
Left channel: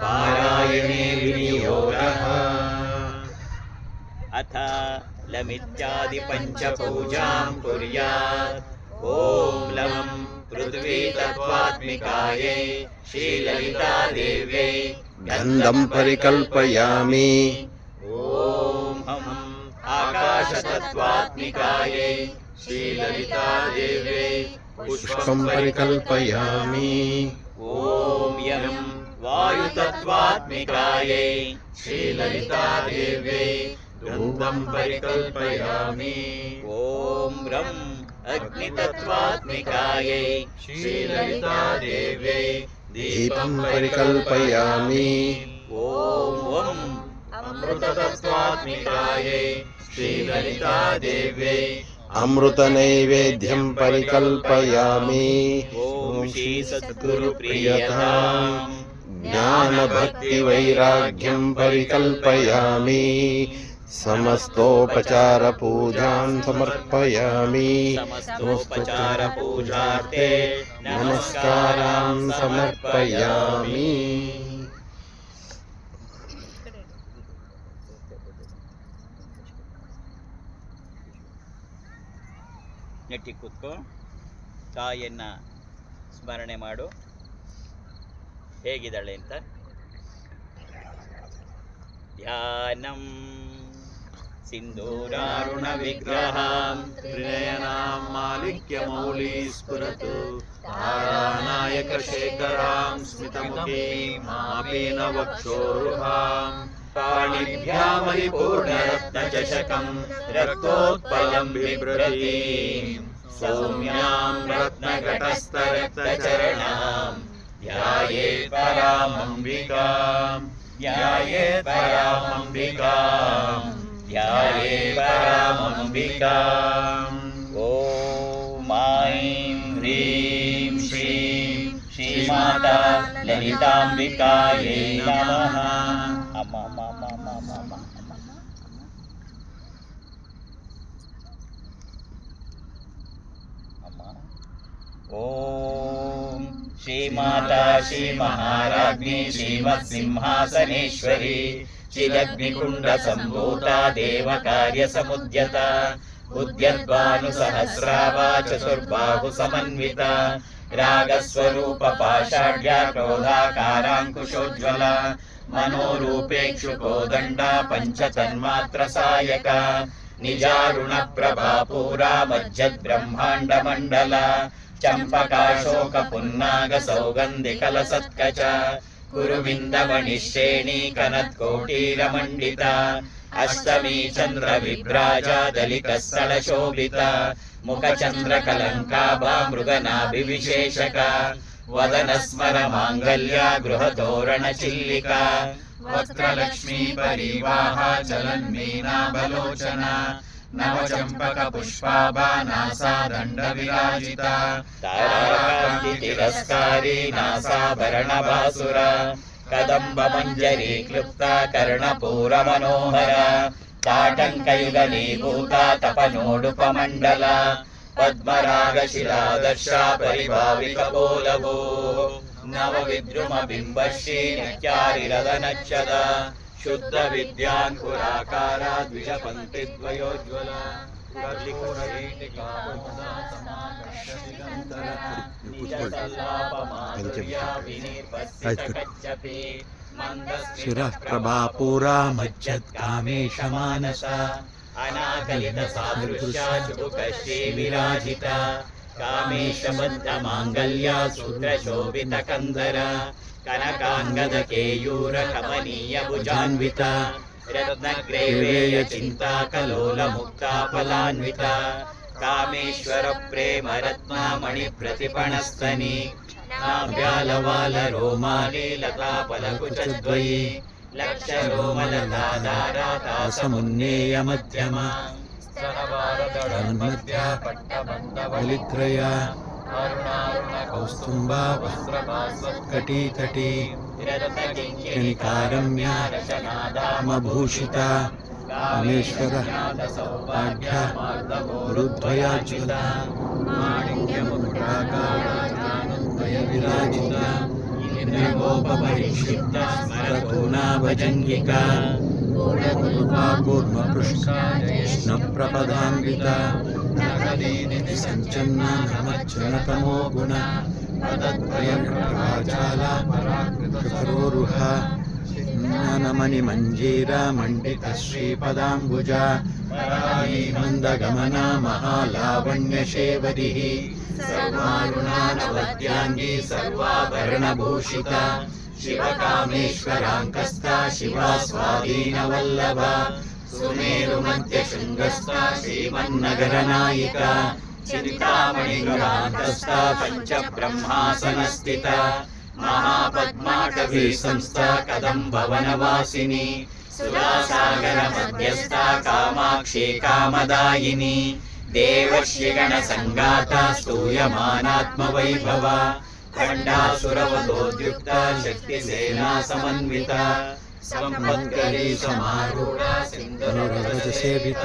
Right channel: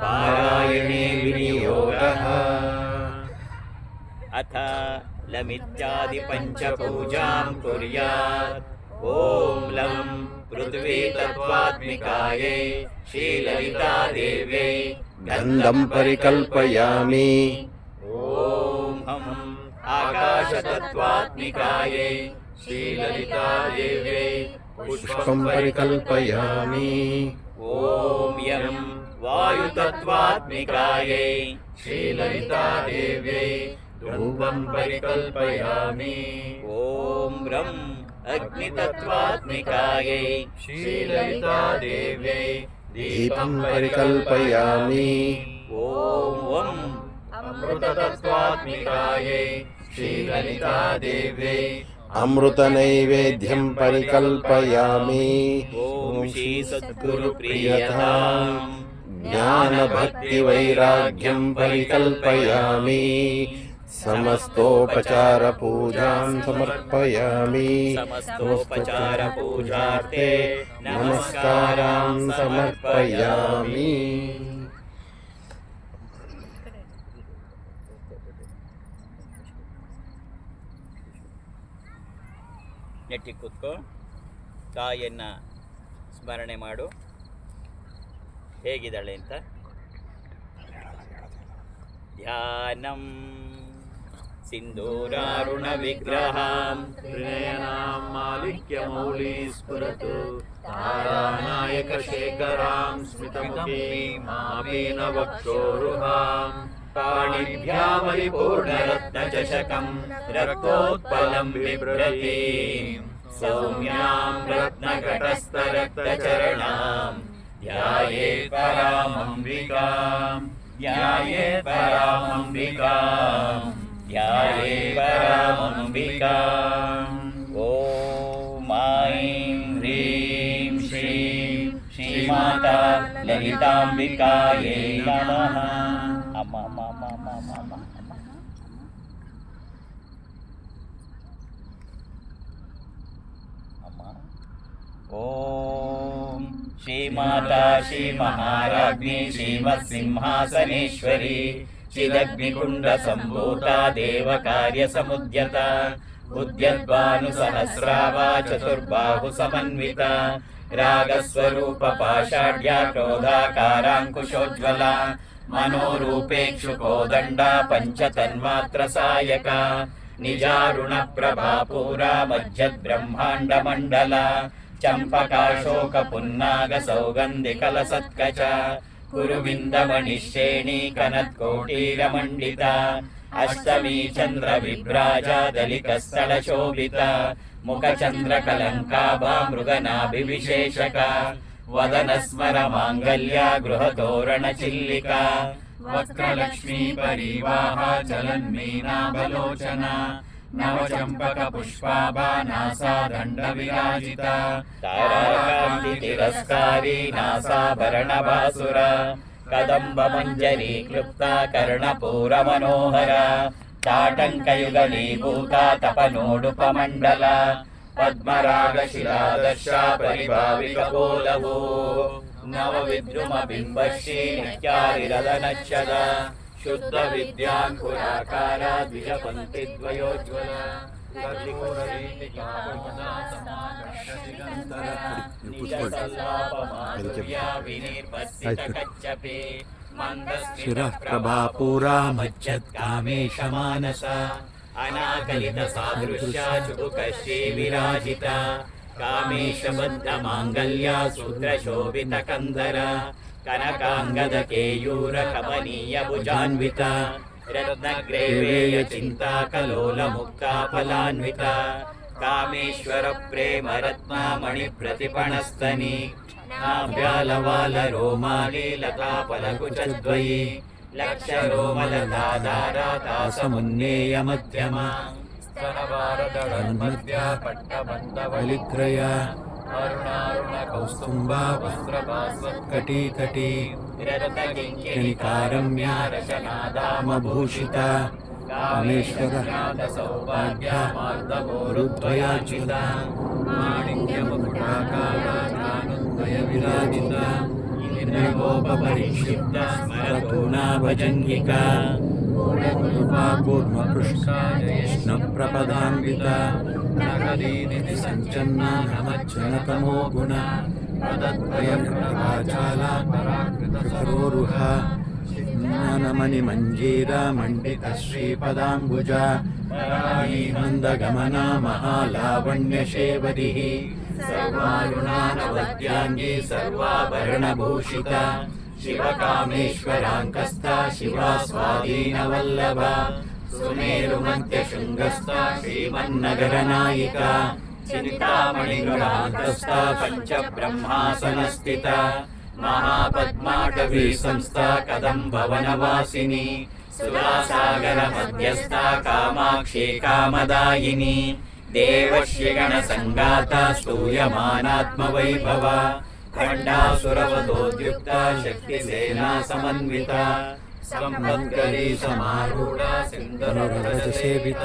ಪಾರಾಯಣೆ ವಿನಿಯೋಗಃ. ಅಥ ಲಮಿತ್ಯಾದಿ ಪಂಚಪೂಜಾಂ ಕುರ್ಯಾತ್. ಓಂ ಲಂ ಪೃಥ್ವೀ ತತ್ವಾತ್ಮಿಕಾಯೈ ಶ್ರೀಲಲಿತಾ ದೇವ್ಯೈ ಗಂಧಂ ಪರಿಕಲ್ಪಯಾಮಿ. ಓಂ ಹಂ ಆಕಾಶ ತತ್ವಾತ್ಮಿಕಾಯೈ ಶ್ರೀಲಲಿತಾ ದೇವ್ಯೈ ಪುಷ್ಪಂ ಪರಿಕಲ್ಪಯಾಮಿ. ಓಂ ಯಂ ವಾಯು ತತ್ವಾತ್ಮಿಕಾಯೈ ಶ್ರೀಲಲಿತಾ ದೇವ್ಯೈ ಧೂಪಂ ಪರಿಕಲ್ಪಯಾಮಿ. ಓಂ ರಂ ಅಗ್ನಿ ತತ್ವಾತ್ಮಿಕಾಯೈ ಶ್ರೀಲಲಿತಾ ದೇವ್ಯೈ ದೀಪಂ ಪರಿಕಲ್ಪಯಾಮಿ. ಓಂ ವಂ ಅಮೃತ ತತ್ವಾತ್ಮಿಕಾಯೈ ಶ್ರೀಲಲಿತಾ ದೇವ್ಯೈ ಅಮೃತ ನೈವೇದ್ಯಂ ಪರಿಕಲ್ಪಯಾಮಿ. ಓಂ ಶ್ರೀ ಸದ್ಗುರು ಪ್ರಿಯತಾಂ ಜ್ಞಾನ ಭಕ್ತಿ ವೈರಾಗ್ಯಂ ಪರಿಕಲ್ಪಯಾಮಿ. ಸಮಸ್ತೋಪಚಾರ ಪೂಜಾಂ ಸಮರ್ಪಯಾಮಿ. ಸಮಸ್ತೋಪಚಾರ ಪೂಜಾರ್ಥೆ ನಮಸ್ಕಾರಾಂ ಸಮರ್ಪಯಾಮಿ. ನೆಟ್ಟಿ ಕೂತ್ಕೋ. ತಾಯಿಯನ್ನು ಸ್ಮರಣೆ ಮಾಡು, ಹೇಗಿದ್ದಾಳೆ ಅಂತ. ಧ್ಯಾನಂ ಸಿಂಧೂರಾರುಣ ವಿಗ್ರಹಾಂ ತ್ರಿನಯನಾಂ ಮಾಲಿಕ್ಯ ಮೌಲಿ ಸ್ಫುರತು ತಾರಾನಾಯಕ ಶೇಖರಾಂ ಸ್ಮಿತಮುಖೀಂ ಮಾಪೀನ ವಕ್ಷೋರುಹಾಂ ಪಾಣಿಭ್ಯಾಮರಿಪೂರ್ಣರತ್ನಚಷಕಂ ರಕ್ತೋತ್ಪಲಂ ಬಿಭ್ರತೀಂ ಸೌಮ್ಯಾಂ ರತ್ನಘಟಸ್ಥರಕ್ತಚರಣಾಂ ಧ್ಯಾಯೇತ್ ಪರಾಮಂಬಿಕಾಂ ಧ್ಯಾಯೇತ್ ಪರಾಮಂಬಿಕಾಂ ಧ್ಯಾಯೇತ್ ಪರಾಮಂಬಿಕಾಂ. ಓಂ ಐಂ ಹ್ರೀಂ ಶ್ರೀಂ ಶ್ರೀಮಾತಾ ಲಲಿತಾಂಬಿಕಾಯೈ ನಮಃ. ಅಮ್ಮ ಅಮ್ಮ ಅಮ್ಮ ಅಮ್ಮ ಅಮ್ಮ ಅಮ್ಮ ಅಮ್ಮ ಅಮ್ಮ. ಓಂ ಶ್ರೀಮಾತಾ ಶ್ರೀ ಮಹಾರಾಜ್ಞಿ ಶ್ರೀಮತ್ ಸಿಂಹಾಸನೇಶ್ವರಿ ಚಿದಗ್ನಿಕುಂಡ ಸಂಭೂತ ದೇವ ಕಾರ್ಯ ಸಮುದ್ಯತ ಉದ್ಯದ್ಭಾನು ಸಹಸ್ರಾವ ಚತುರ್ಬಾಹು ಸಮನ್ವಿತ ರಾಗಸ್ವರೂಪ ಪಾಷಾಢ್ಯ ಕ್ರೋಧಾಕಾರಾಂಕುಶೋಜ್ವಲ ಮನೋರೂಪೇಕ್ಷು ಕೋದಂಡ ಪಂಚತನ್ಮಾತ್ರ ಸಾಯಕ ನಿಜಾರುಣ ಪ್ರಭಾಪೂರ ಮಜ್ಜದ್ ಬ್ರಹ್ಮಾಂಡ ಮಂಡಲ ಚಂಪಕಾಶೋಕ ಪುನ್ನಾಗ ಸೌಗಂಧಿಕಲ ಸತ್ಕಚ ಕುರುವಿಂದಮಣಿಶ್ರೇಣಿ ಕನತ್ಕೋಟೀರ ಮಂಡಿತ ಅಷ್ಟಮಿ ಚಂದ್ರ ವಿಭ್ರಾಜ ದಲಿತ ಸ್ಥಳ ಶೋಭಿತ ಮುಖಚಂದ್ರ ಕಲಂಕಾಭ ಮೃಗನಾಭಿ ವಿಶೇಷಕ ವದನ ಸ್ಮರ ಮಾಂಗಲ್ಯ ಗೃಹ ತೋರಣ ಚಿಲ್ಲಿಕ ವಕ್ರಲಕ್ಷ್ಮೀ ಪರಿವಾಹ ಚಲನ್ಮೀನಾಭಲೋಚನ ನವಚಂಪಕ ಪುಷ್ಪಾಭಾನಾಸಾ ದಂಡ ವಿರಾಜಿತ ತಾರಾಕಾಂತಿ ತಿರಸ್ಕಾರಿ ನಾಸಾಭರಣ ಭಾಸುರ ಕದಂಬ ಮಂಜರಿ ಕ್ಲುಪ್ತ ಕರ್ಣಪೂರ ಮನೋಹರ ಚಾಟಂಕಯುಗಲೀಭೂತ ತಪನೋಡುಪಮಂಡಲ ಪದ್ಮರಾಗ ಶಿಲಾದರ್ಶ ಪರಿಭಾವಿಕ ಬೋಲವೋ ನವ ವಿದ್ರುಮ ಬಿಂಬಶ್ರೀ ನಿತ್ಯಾರಿರದ ನಚ್ಚದ ಶುದ್ಧ ವಿದ್ಯಾಂಕುರಾಕಾರ ದ್ವಿಜ ಪಂಕ್ತಿ ದ್ವಯೋಜ್ವಲ ಕರ್ಲಿಕೂರ ವೇಟಿಕಾ ಶಿರಃ ಪ್ರಭಾಪೂರ ಮಜ್ಜತ್ ಕಾಮೇಶ ಮಾನಸ ಅನಾಗಲಿತ ಸಾದೃಶ್ಯ ಚುಬುಕ ಶ್ರೀ ವಿರಾಜಿತ ಕಾಮೇಶ ಬದ್ಧ ಮಾಂಗಲ್ಯ ಸೂತ್ರ ಶೋಭಿತ ಕಂದರ ಕನಕಾಂಗದ ಕೇಯೂರ ಕಮನೀಯ ಭುಜಾನ್ವಿತ ರತ್ನಗ್ರೈವೇಯ ಚಿಂತಾ ಕಲೋಲ ಮುಕ್ತ ಫಲಾನ್ವಿತ ಕಾಮೇಶ್ವರ ಪ್ರೇಮ ರತ್ನ ಮಣಿ ಪ್ರತಿಪಣಸ್ತನಿ ನಾಭ್ಯಾಲವಾಲ ರೋಮಾಲಿ ಲತಾ ಫಲಕುಚದ್ವಯಿ ಲಕ್ಷ ರೋಮಲತಾಧಾರ ತಾಸಮುನ್ನೇಯ ಮಧ್ಯಮ ಮಧ್ಯ ಬಲಿತ್ರಯ ಕೌಸ್ತುಂಬಾ ಕಟಿ ಕಟಿ ಕನಿಕಾರಮ್ಯ ಮಭೂಷಿತ ಕಾಮೇಶ್ವರ ಸೌಭಾಗ್ಯ ಗುರುದ್ವಯಾಜ್ವಲ ವಿರಾಜಿತ ಇಂದ್ರಗೋಪರಿಕ್ಷಿಪ್ತ ಸ್ಮರತೂಣಾ ಭಜಂಗಿಕಾ ಕೂರ್ಮ ಪೃಷ್ಠ ಕೃಷ್ಣ ಪ್ರಪದಾನ್ವಿತ ಸಂಚನ್ನ ನಮಜ್ಜನತಮೋ ಗುಣ ಪ್ರಭಾಚಾಲ ಕೃಪರೋರುಹ ಜ್ಞಾನಮಣಿ ಮಂಜೀರ ಮಂಡಿತ ಶ್ರೀಪದಾಂಬುಜ ಮಂದಗಮನ ಮಹಾಲಾವಣ್ಯ ಶೇವದಿ ಸರ್ವಾರುಣಾನವದ್ಯಾಂಗಿ ಸರ್ವಾಭರಣಭೂಷಿತ ಶಿವಕಾಮೇಶ್ವರಾಂಕಸ್ಥ ಶಿವಾ ಸ್ವಾಧೀನವಲ್ಲಭ ಸುಮೇರು ಮಧ್ಯ ಶೃಂಗಸ್ಥ ಶ್ರೀಮನ್ನಗರ ನಾಯಿಕ ಚಿಂತಾಮಣಿಗ್ರಹಾಂತಸ್ಥ ಪಂಚ ಬ್ರಹ್ಮಾಸನಸ್ಥಿತ ಮಹಾಪದ್ಮಾಟವಿ ಸಂಸ್ಥ ಕದಂಬವನವಾಸಿನಿ ಸುಧಾಸಾಗರ ಮಧ್ಯಸ್ಥ ಕಾಮಾಕ್ಷಿ ಕಾಮದಾಯಿನಿ ದೇವಶ್ರೀಗಣ ಸಂಗಾತ ಸ್ತೂಯಮಾನಾತ್ಮವೈಭವ ಖಂಡಾಸುರವಧೋದ್ಯುಕ್ತ ಶಕ್ತಿ ಸೇನಾ ಸಮನ್ವಿತ ಸಂಪದ್ಗರಿ ಸಮಾರೂಢ ಸಿಂಧುರವ್ರಜ ಸೇವಿತ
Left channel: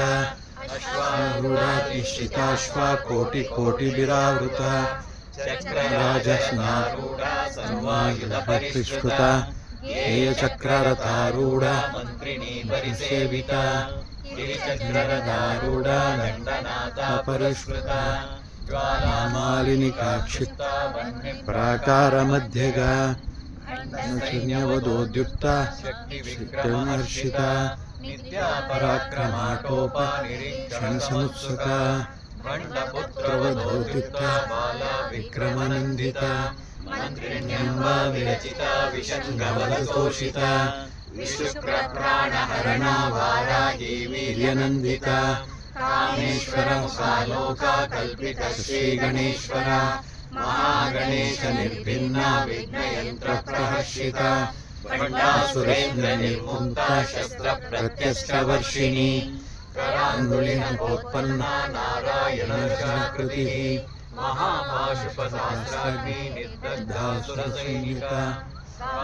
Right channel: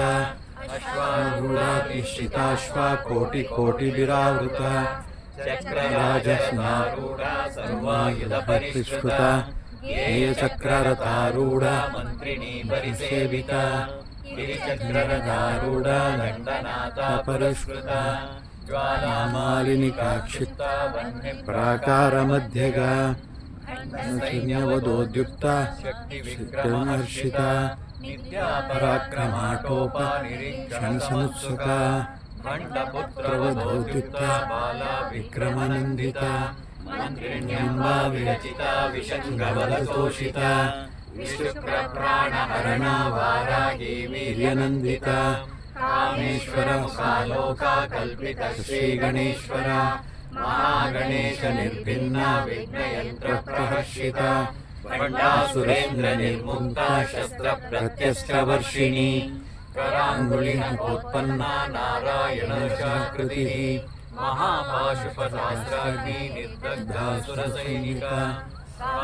ಅಶ್ವಾರೂಢಾಶ್ರಿತಾಶ್ವ ಕೋಟಿ ಕೋಟಿ ವಿರಾವೃತ ರಾಜಸ್ನಾರೂಢ ಸರ್ವಾಯುಧ ಪರಿಷ್ಕೃತ ಚಕ್ರರಥಾರೂಢ ಮಂತ್ರಿಣೀ ಪರಿಸೇವಿತ ಗಿರಿಚಕ್ರರಥಾರೂಢ ದಂಡನಾಥ ಪರಿಷ್ಕೃತ ಮಾಲಿನಿಕಾಕ್ಷಿಪ್ತ ಪ್ರಾಕಾರ ಮಧ್ಯಗ ಶೂನ್ಯವಧೋದ್ಯುಕ್ತ ಶಕ್ತಿವಿಹರ್ಷಿತ ಪರಾಕ್ರಮಾಟೋಪ ಕ್ಷಣಸಮುತ್ಸುಕ ಪ್ರವಧೋದ್ಯುಕ್ತ ವಿಕ್ರಮನಂದಿತ ಮಂತ್ರಿಣ್ಯಂಬಾ ವಿರಚಿತ ವಿಷಂಗವಲತೋಷಿತ ವಿಶುಕ್ರಪ್ರಾಣಹರಣ ವಾರಾಹಿ ವೀರ್ಯನಂದಿತ ಕಾಮೇಶ್ವರ ಸಾಲೋಕ ಕಲ್ಪಿತ ಶ್ರೀ ಗಣೇಶ್ವರ ಮಹಾಗಣೇಶ ನಿರ್ಭಿನ್ನ ವಿಘ್ನಯಂತ್ರ ಪ್ರಹರ್ಷಿತ ಭಂಡಾಸುರಸ್ಮಿನಿ ಕುಂತ ಶಸ್ತ್ರ ಪ್ರತ್ಯಸ್ತ ವರ್ಷಿಣಿ कराङ्गुलीपोत्पन्ना नारायणशाकृतिः महापाशुपसहस्राग्नि निर्दग्धासुरशून्यका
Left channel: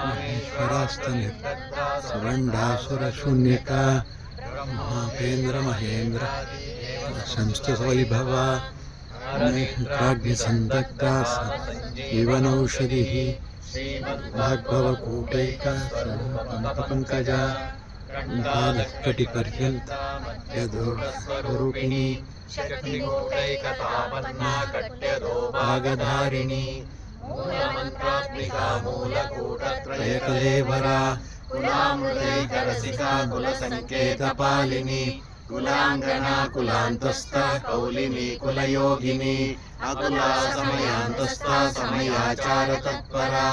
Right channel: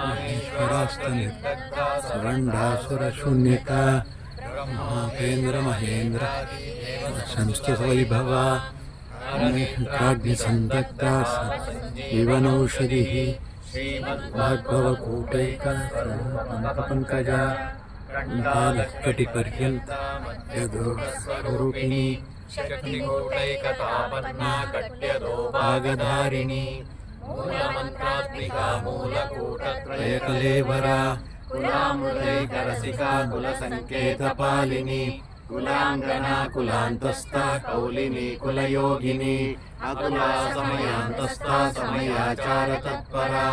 महेश्वरास्तनिर्दग्धा सवण्डासुरशून्यका महापेन्द्रमहेन्द्र संस्थितवैभवा प्राज्ञसन्दग्धा जीवनौषधिः भाग्भवकूटैका पङ्कजा कटिपर्यन्त यदोरूपिणी शक्तिकूटैकतापन्ना कट्यदोभागधारिणी मूलमन्त्रात्मिका मूलकूटत्रयकलेवरा कुलामुदैकरसिका कुलसङ्केतपालिनी कुलाङ्गना कुलान्तस्था कौलिनी कुलयोगिनी अकुला समयान्तस्था समयाचारतत्परा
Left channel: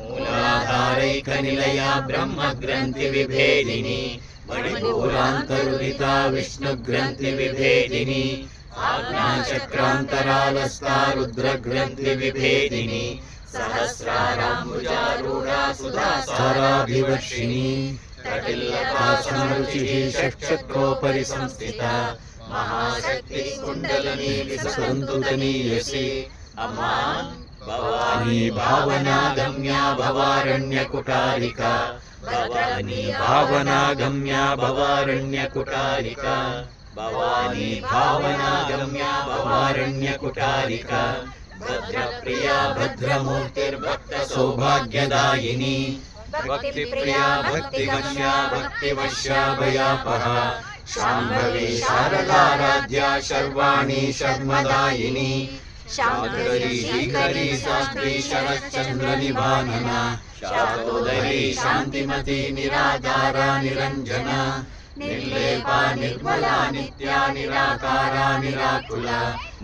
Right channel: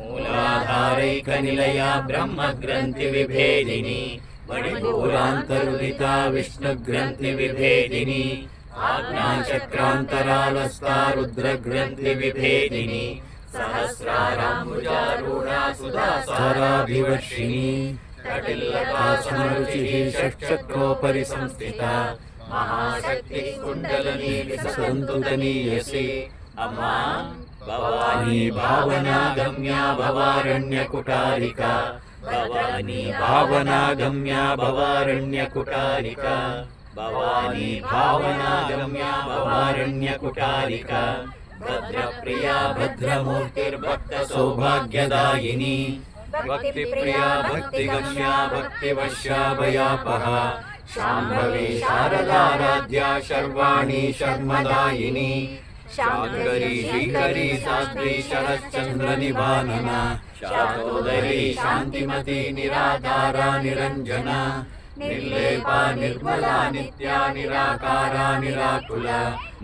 मूलाधारैकनिलया ब्रह्मग्रन्थिविभेदिनी मणिपूरान्तरुदिता विष्णुग्रन्थिविभेदिनी आज्ञाचक्रान्तरालस्था रुद्रग्रन्थिविभेदिनी सहस्राराम्बुजारूढा सुधासाराभिवर्षिणी कटिल्लता समरुचिः षट्चक्रोपरि संस्थिता महाशक्तिः कुण्डलिनी विसन्तुतनीयसी अम्मा भवानी भावनागम्या भवारण्यकुटारिका भवानी भावनागम्या भवारण्यकुटारिका भवानी भावनागम्या भवारण्यकुटारिका भद्रप्रिया भद्रमूर्तिर्भक्तसौभाग्यदायिनी भक्तिप्रिया भक्तिगम्या भक्तिवश्या भयापहा शाम्भवी शारदाराध्या शर्वाणी शर्मदायिनी शाकरी श्रीकरी शास्त्री शरच्चन्द्रनिभानना शातोदरी शान्तिमती निराधारा निरञ्जना निर्लेपा निर्मला नित्या निराकारा निराकुला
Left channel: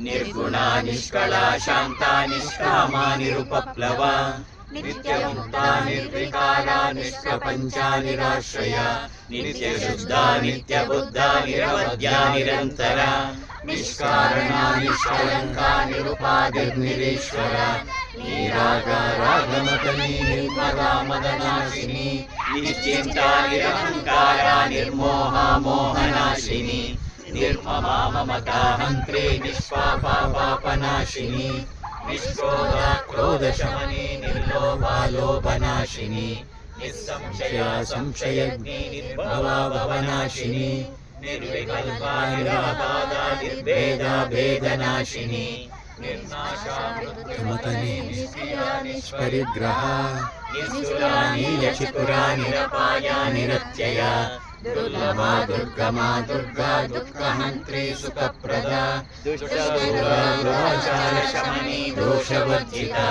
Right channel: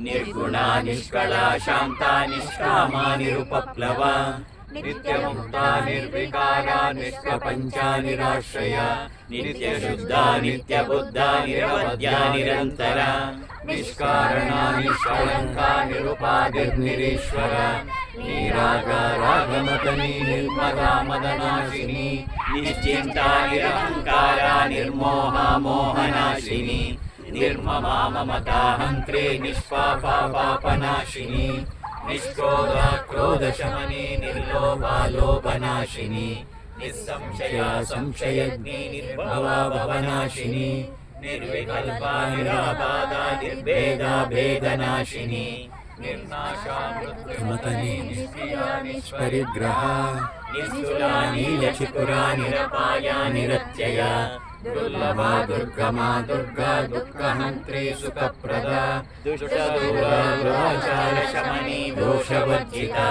निर्गुणा निष्कला शान्ता निष्कामा निरुपप्लवा नित्यमुक्ता निर्विकारा निष्प्रपञ्चा निराश्रया नित्यशुद्धा नित्यबुद्धा निरवद्या निरन्तरा निष्कारणा निष्कलङ्का निरुपाधिर्निरीश्वरा निरागा रागमतनी निर्मला मदनाशिनी निश्चिन्ता निरहङ्कारा निर्मोहा मोहनाशिनी निर्ममा ममता हन्त्री निष्पापा पापनाशिनी निष्क्रोधा क्रोधशमनी निर्लोभा लोभनाशिनी निस्संशया संशयग्नि निर्भवा भवनाशिनी निर्विकल्पा निराबाधा निर्भेदा भेदनाशिनी निर्नाशा मृत्युमतनी निष्परिग्रहा निस्तुला नीलचिकुरा निरपाया निरत्यया दुर्लभा दुर्गमा दुर्गा दुःखहन्त्री सुखप्रदा दुष्टदूरा दुराचारशमनी दोषवर्जिता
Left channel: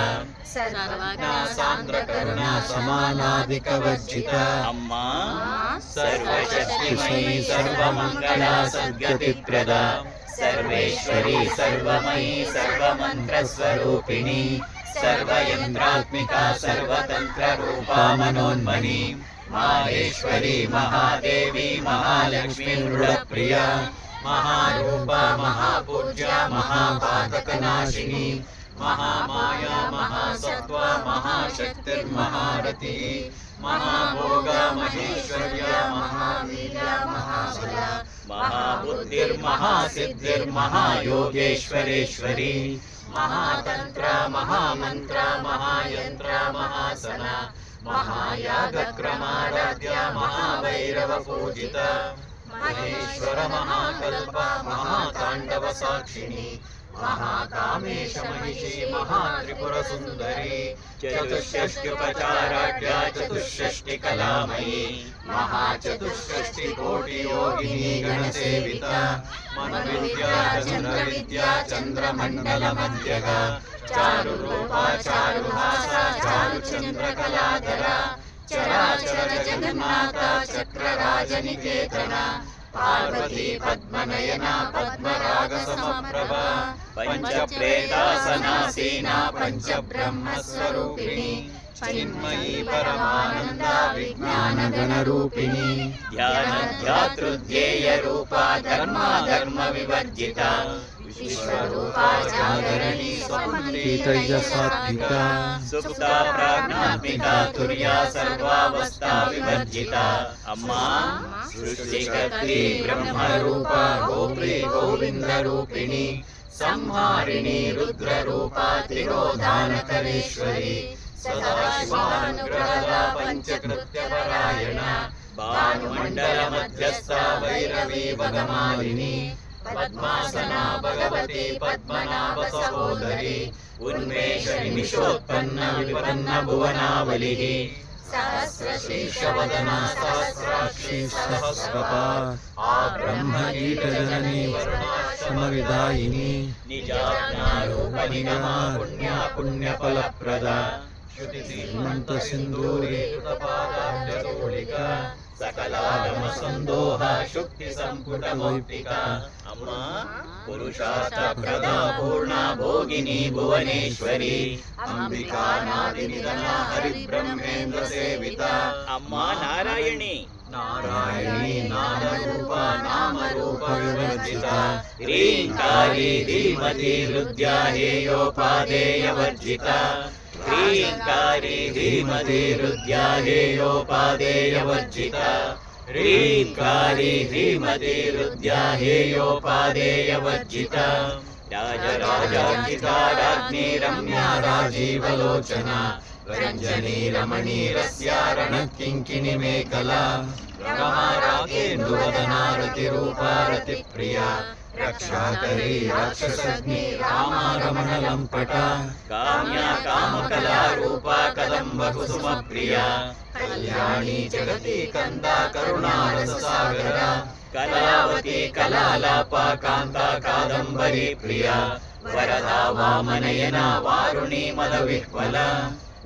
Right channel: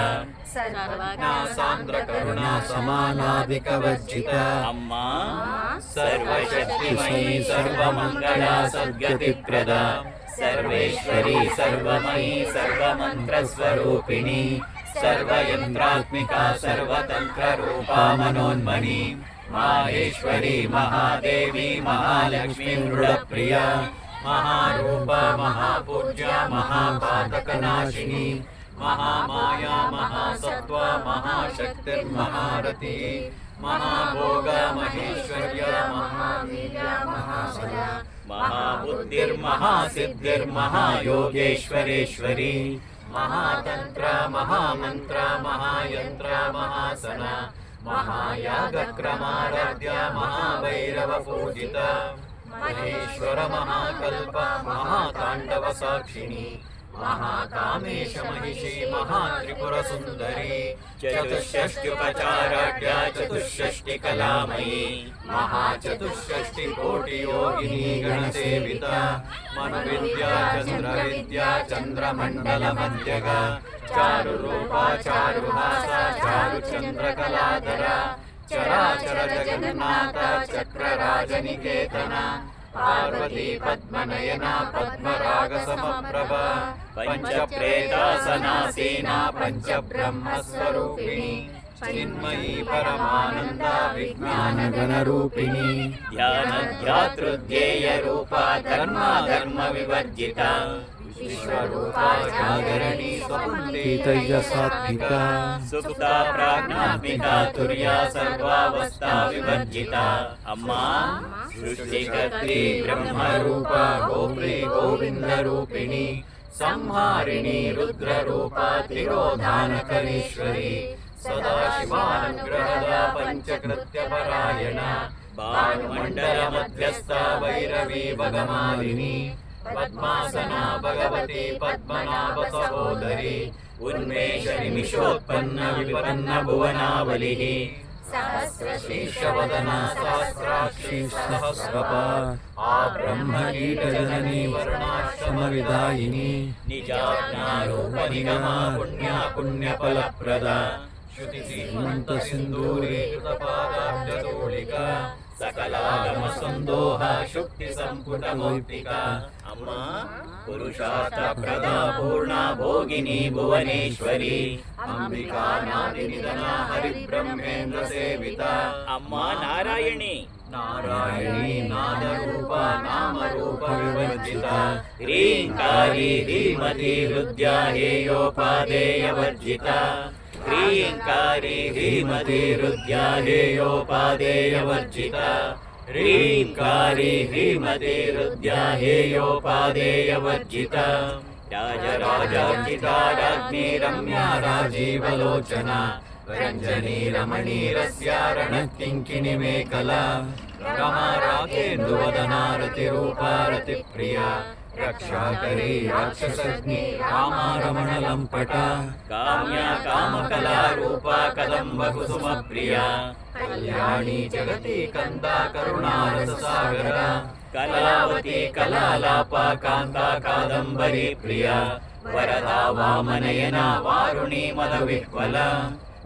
सान्द्रकरुणा समानाधिकवर्जिता अम्मा सर्वशक्तिमयी सर्वमङ्गला सद्गतिप्रदा सर्वेश्वरी सर्वमयी सर्वमन्त्रस्वरूपिणी सर्वयन्त्रात्मिका सर्वतन्त्ररूपा मनोन्मनी माहेश्वरी महादेवी महालक्ष्मी मृडप्रिया महारूपा महापूज्या महापातकनाशिनी महामाया महासत्त्वा महाशक्तिर्महारती महाभोगा महेश्वर्या महावीर्या महाबला महाबुद्धिर्महासिद्धिर्महायोगेश्वरेश्वरी महातन्त्रा महामन्त्रा महायन्त्रा महासना महायागक्रमाराध्या महाभैरवपूजिता महेश्वर महाकल्प महाताण्डवसाक्षिणी महाकामेश महिषी महात्रिपुरसुन्दरी चतुष्षष्टिपचाराढ्या चतुष्षष्टिकलामयी महाचतुष्षष्टिकोटियोगिनी गणसेविता मनोविद्या चन्द्रविद्या चन्द्रमण्डलमध्यगा चारुरूपा चारुहासा चारुचन्द्रकलाधरा चराचर जगन्माता चक्रराजनिकेतना पार्वती पद्मनयना पद्मरागसमप्रभा पञ्चप्रेतासनासीना पञ्चब्रह्मस्वरूपिणी चिन्मयी परमानन्दा विज्ञानगणरूपिणी ध्यानध्यातृध्येयरूपा धर्माधर्मविवर्जिता विश्वरूपा जागरणी स्वपन्थितैजसात्मिका सुप्ता प्राज्ञात्मिका तुर्या सर्वावस्था विवर्जिता अम्मा सृष्टिकर्त्री ब्रह्मरूप गोप्री गोविन्दरूपिणी संहारिणी रुद्ररूप तिरोधानकरेश्वरी सदाशिवानुग्रहदा पंचकृत्यपरायण भानुमण्डल मध्यस्था वैरवी भगमालिनी पद्मासना भगवती पद्मनाभ सहोदरी उन्मेष निमिषोत्पन्न विपन्न भुवनावलिः सहस्रशीर्षवदना सहस्राक्षी सहस्रपाद ब्रह्मगीतजननी समविदायिनी निजाज्ञारूपनिगमा पुण्या पुण्यफलप्रदा श्रुतिसीमन्त सिन्दूरी कृतपादाब्जगोलिका सकलागम संदोह शुक्ति संपुट मौक्तिका अम्मा पुरुषार्थ प्रदा पूर्णा भोगिनी भुवनेश्वरी अंबिका नादिनिधना हरिब्रह्मेन्द्र सेविता अम्मा नारायणी नारायणी नादरूप नामरूप विवर्जिता ह्रींकारी धीमति हृद्या हेयोपादेयवर्जिता ह्रींकारी धीमति हृद्या हेयोपादेयवर्जिता ह्रींकारी धीमति हृद्या हेयोपादेयवर्जिता राजराजार्चिता राज्ञी रम्या राजीवलोचना रञ्जनी रमणी रस्या रणकिङ्किणी मेखला रमा रागेन्दुवदना रतिरूपा रतिप्रिया रक्षाकरी राक्षसग्नि रामा रमणलम्पटा काम्या कामकला रूपा कदम्ब कुसुमप्रिया कल्याणी जगति कंदा करुणारससागर कलावती कलालापा कान्ता कादम्बरी प्रिया वरदा वामनयना वारुणी मदविह्वला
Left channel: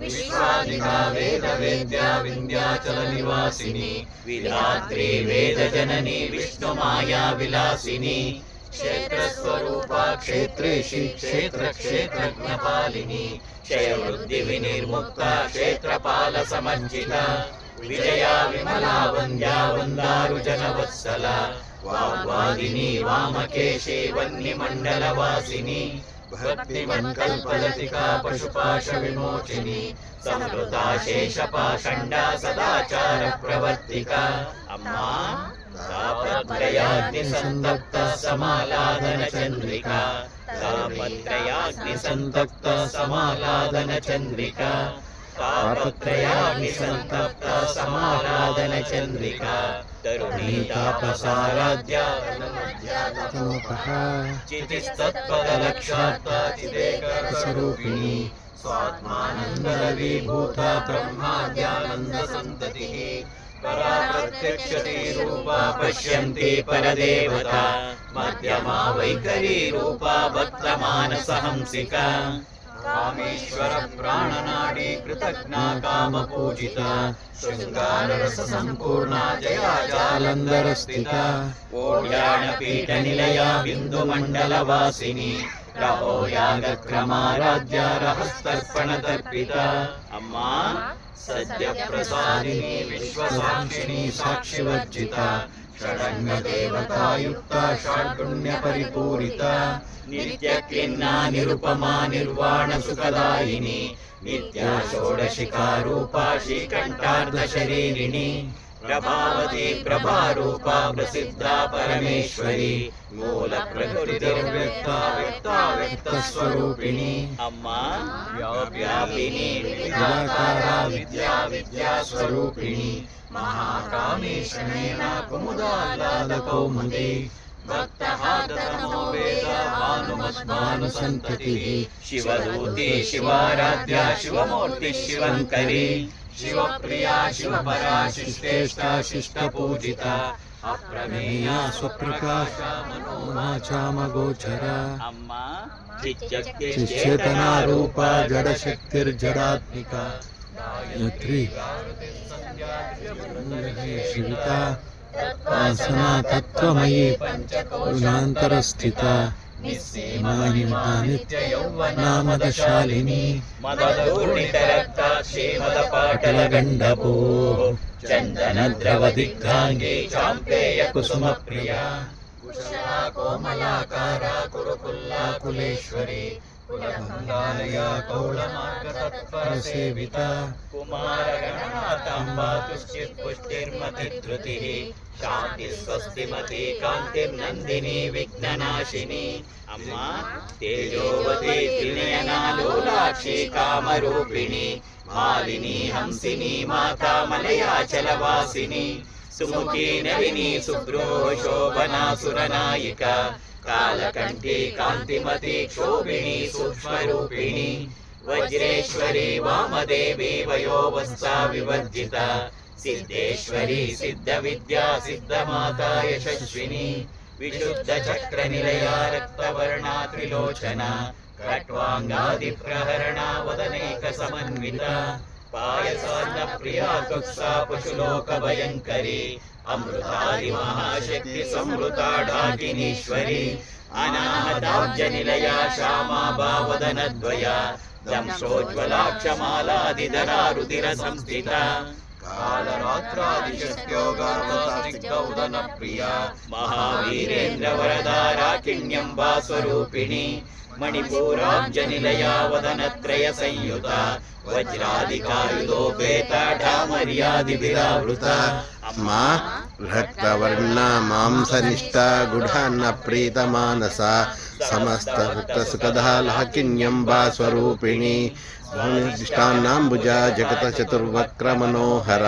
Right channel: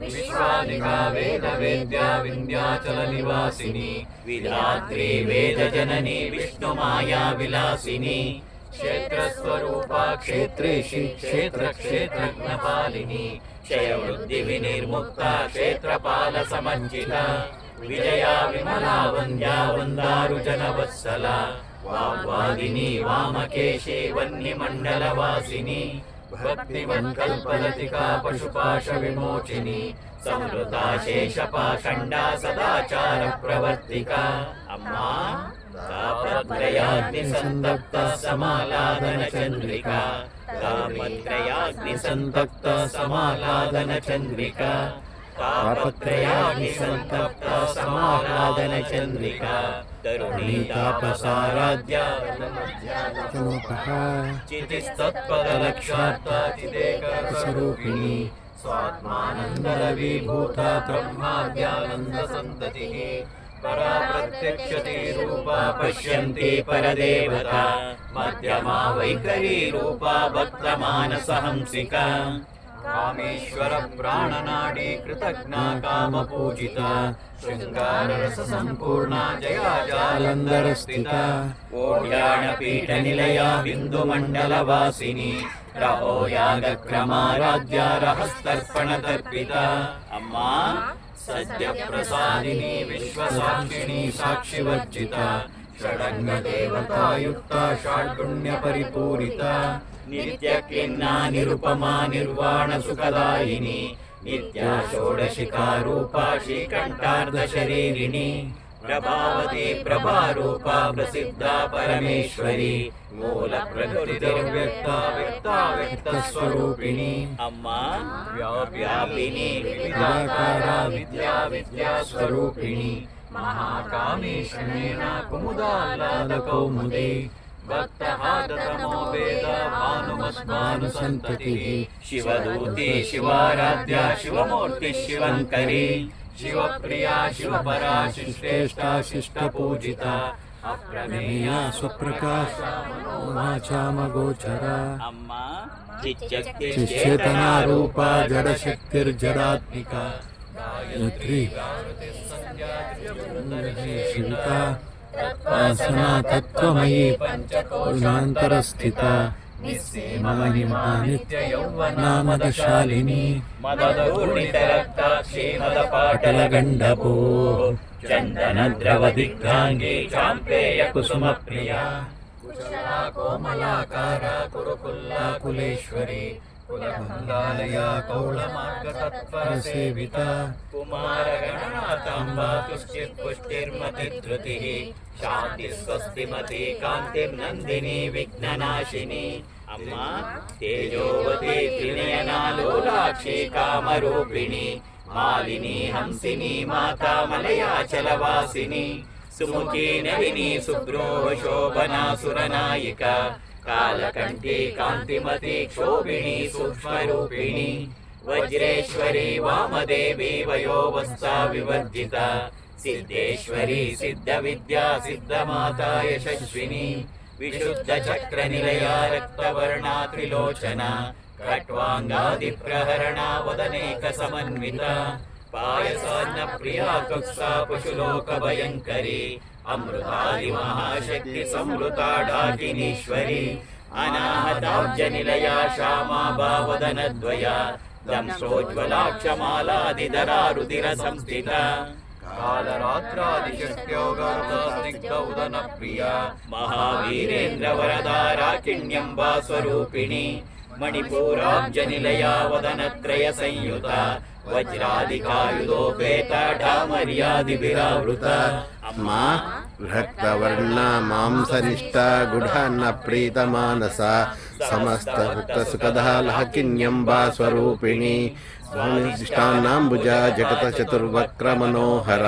विश्वादिका वेद वेद्या विन्ध्याचल निवासिनी विधात्री वेद जननी विष्णु माया विलासिनी क्षेत्र स्वरूपा क्षेत्रेशी क्षेत्र क्षेत्रज्ञपालिनी क्षय वृद्धि विनिर्मुक्ता क्षेत्रपाल समर्जिता विजया विमला वन्द्या वन्दारु जनवत्सला वाग्वादिनी वामकेशी वह्निमण्डलवासिनी भक्तिमन्कल्पलतिका पशुपाश विमोचिनी समृता शेषपाषण्डा सदाचार प्रवर्तिका अम्मा तापत्रयाग्निसन्तप्त समालादन चन्द्रिका तापत्रयाग्निसन्तप्त समालादन चन्द्रिका तापत्रयाग्निसन्तप्त समालादन चन्द्रिका तरुणी तापसाराध्या चितिस्तत्पदलक्षार्था चिदेकस्वरूपिणी स्वात्मानन्दविभूता ब्रह्माद्यानन्दसन्ततिः परा प्रत्यक्षती रूपा पश्यन्ति परदेवता मध्यमा वैखरी रूपा भक्तमानसहंसिका कामेश्वर प्राणनाडी कृतज्ञा कामपूजिता शृंगाररस संपूर्णा जया जालंधरस्थिता ओड्यानपीठनिलया बिन्दुमण्डलवासिनी रहो यागक्रमाराध्या रहस्तर्पणतर्पिता अम्मा सद्यप्रसादिनी विश्वसाक्षिणी साक्षिवर्जिता षडङ्गदेवतायुक्ता षड्गुण्यपरिपूरिता नित्यक्लिन्ना निरुपमा निर्वाण सुखदायिनी नित्या षोडशिका रूपा श्रीकण्ठार्धशरीरिणी प्रभावती प्रभारूपा प्रसिद्धा परमेश्वरी मूल प्रकृतिर्व्यक्ता व्यक्ता व्यक्तस्वरूपिणी अम्मा व्यापिनी विद्याकारा विद्या विद्यास्वरूपिणी महाकामी शनेन कुमुदाह्लादकौमुदी भक्तहादतमो वेद भानुमस्मानुसन्ततिः शिवदूती शिवाराध्या शिवमूर्ति शिवङ्करी शिवप्रिया शिवपरा शिष्टेष्टा शिष्टपूजिता अप्रमेया स्वप्रकाशा मनोवाचामगोचरा अम्मा चिच्चेतना रूपा जडशक्तिर्जडात्मिका गायत्री शिविता सनातत्वमयी गुणान्तरस्थिता नित्ययौवनामदशालिनी मदधूर्णितरक्ताक्षी मदपाटलगण्डपो चन्दनद्रवदिग्धाङ्गी चाम्पेय कुसुमप्रिया कुशला कोमलाकारा कुरुकुल्ला कुलेश्वरी ಕುಲಕುಲಾಲಯ ಕೌಳಮಾರ್ಗತತ್ಪರಸೇವಿತ ಕುಮಾರಗಣಾತಾಂಬಾ ತುಷ್ಟಿರ್ಪುಷ್ಟಿರ್ಮತಿಧೃತಿಃ ಶಾಂತಿ ಸ್ವಸ್ತಿಮತಿ ಕಾಂತಿರ್ನಂದಿನಿ ವಿಘ್ನನಾಶಿನಿ. ಅಮ್ಮ ತೇಜೋವತಿ ತ್ರಿನಯನಾಲೋಲಾಕ್ಷಿ ಕಾಮರೂಪಿಣಿ ಮಾಲಿನಿ ಹಂಸಿನಿ ಮಾತಾ ಮಲಯಾಚಲವಾಸಿನಿ ಸುಮುಖಿ ನಳಿನಿ ಸುಬ್ರೋ ಶೋಭನಾ ಸುರನಾಯಿಕ ಕಾಲಕಂಠಿ ಕಾಂತಿಮತಿ ಕ್ಷೋಭಿಣಿ ಸೂಕ್ಷ್ಮರೂಪಿಣಿ ವಜ್ರೇಶ್ವರಿ ವಾಮದೇವಿ ವಯೋವಸ್ತಾ ವಿವರ್ಜಿತ ಸಿದ್ದೇಶ್ವರಿ ಸಿದ್ಧವಿದ್ಯಾ ಸಿದ್ಧಮಾತಾ ಯಶಸ್ವಿನಿ ವಿಶುದ್ಧ ಚಕ್ರ ನಿಲಯ ರಕ್ತವರ್ಣ ತ್ರಿಲೋಚನ ಖಟ್ವಾಂಗಾದಿ ಪ್ರಹರಣ ವದನೇಕ ಸಮನ್ವಿತ ಪಾಯಸಾನ್ನ ಪ್ರಿಯ ಕುತ್ಸಾ ಪಶುಲೋಕ ಭಯಂಕರಿ ಅಮೃತಾದಿ ಮಹಾಶಕ್ತಿ ಸಂವೃತ ಢಾಕಿನೀಶ್ವರಿ ಅನಾಹತಾಬ್ಜ ನಿಲಯ ಶ್ಯಾಮಾ ಭಾವದನದ್ವಯ ದಂಶೋಜ್ವಲಾಕ್ಷಮಾಲಾದಿಧರಾ ರುದಿರ ಸಂಸ್ಥಿತ ಕಾಲರಾತ್ರಾದಿಶಕ್ತ್ಯೋಗಾಸ್ನಿಗ್ಧ ಪ್ರಿಯ ಮಹಾವೀರೇಂದ್ರ ವರದಾರಾಕಿಣ್ಯಂಬಾ ಸ್ವರೂಪಿಣಿ ಮಣಿಪೂರಾಬ್ಜ ನಿಲಯ ವದನತ್ರಯ ಸಂಯುತ ವಜ್ರಾಧಿಕಾಯುಧೋಪೇತ ಢಾಮರ್ಯಾದಿಭಿರಾವೃತ. ಅಮ್ಮ ಭಕ್ತವರ್ಣ ಮಾಂಸನಿಷ್ಠ ಗುಢಾನ್ನ ಪ್ರೀತಮಾನಸ ಸಮಸ್ತ ಭಕ್ತ ಸುಖದ ಲಹಕಿನ್ಯಂಬಾ ಸ್ವರೂಪಿಣಿ ಧನುರ್ದಿಷ್ಟಾನ್ನಾಂಬುಜ ಜಗತ ಚತುರ್ವಕ್ರ ಮನೋಹರ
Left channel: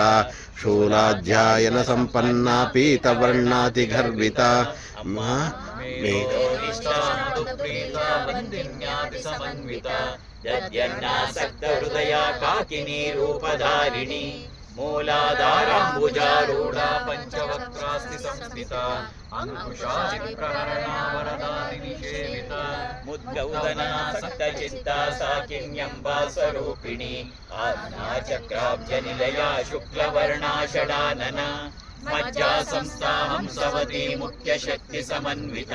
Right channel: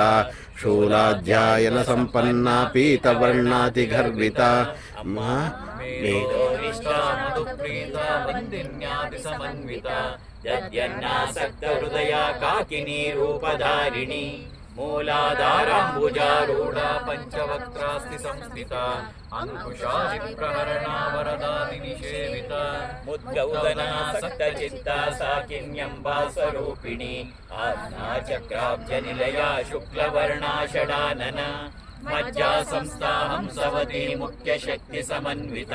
ಶೂಲಾಧ್ಯಾಯನ ಸಂಪನ್ನ ಪೀತವರ್ಣಾತಿ ಗರ್ವಿತ. ವೇದೋನಿಷ್ಠಾ ಮಧುಪ್ರೀತ ವಂದಿನ್ಯಾದಿ ಸಮನ್ವಿತ ದದ್ಯನ್ನಾಸಕ್ತ ಹೃದಯ ಕಾಕಿನಿ ರೂಪಧಾರಿಣಿ ಮೂಲಾಧಾರಾಂಬುಜಾರೂಢ ಪಂಚವಕ್ರಾಸ್ತಿ ಸಂಸ್ಥಿತ ಅಂಕುಶಾದಿ ಪ್ರಹರಣ ವರದಾದಿ ನಿಷೇವಿತ ಮುದ್ಗೌದನಾಸಕ್ತ ಚಿತ್ತ ಸಾಕಿನ್ಯಂಬಾ ಸ್ವರೂಪಿಣಿ ಆಜ್ಞಾ ಚಕ್ರಾಬ್ಜ ನಿಲಯ ಶುಕ್ಲವರ್ಣಾ ಷಡಾನನ ಮಜ್ಜಾ ಸಂಸ್ಥಾ ಹಂಸವತಿ ಮುಖ್ಯ ಶಕ್ತಿ ಸಮನ್ವಿತ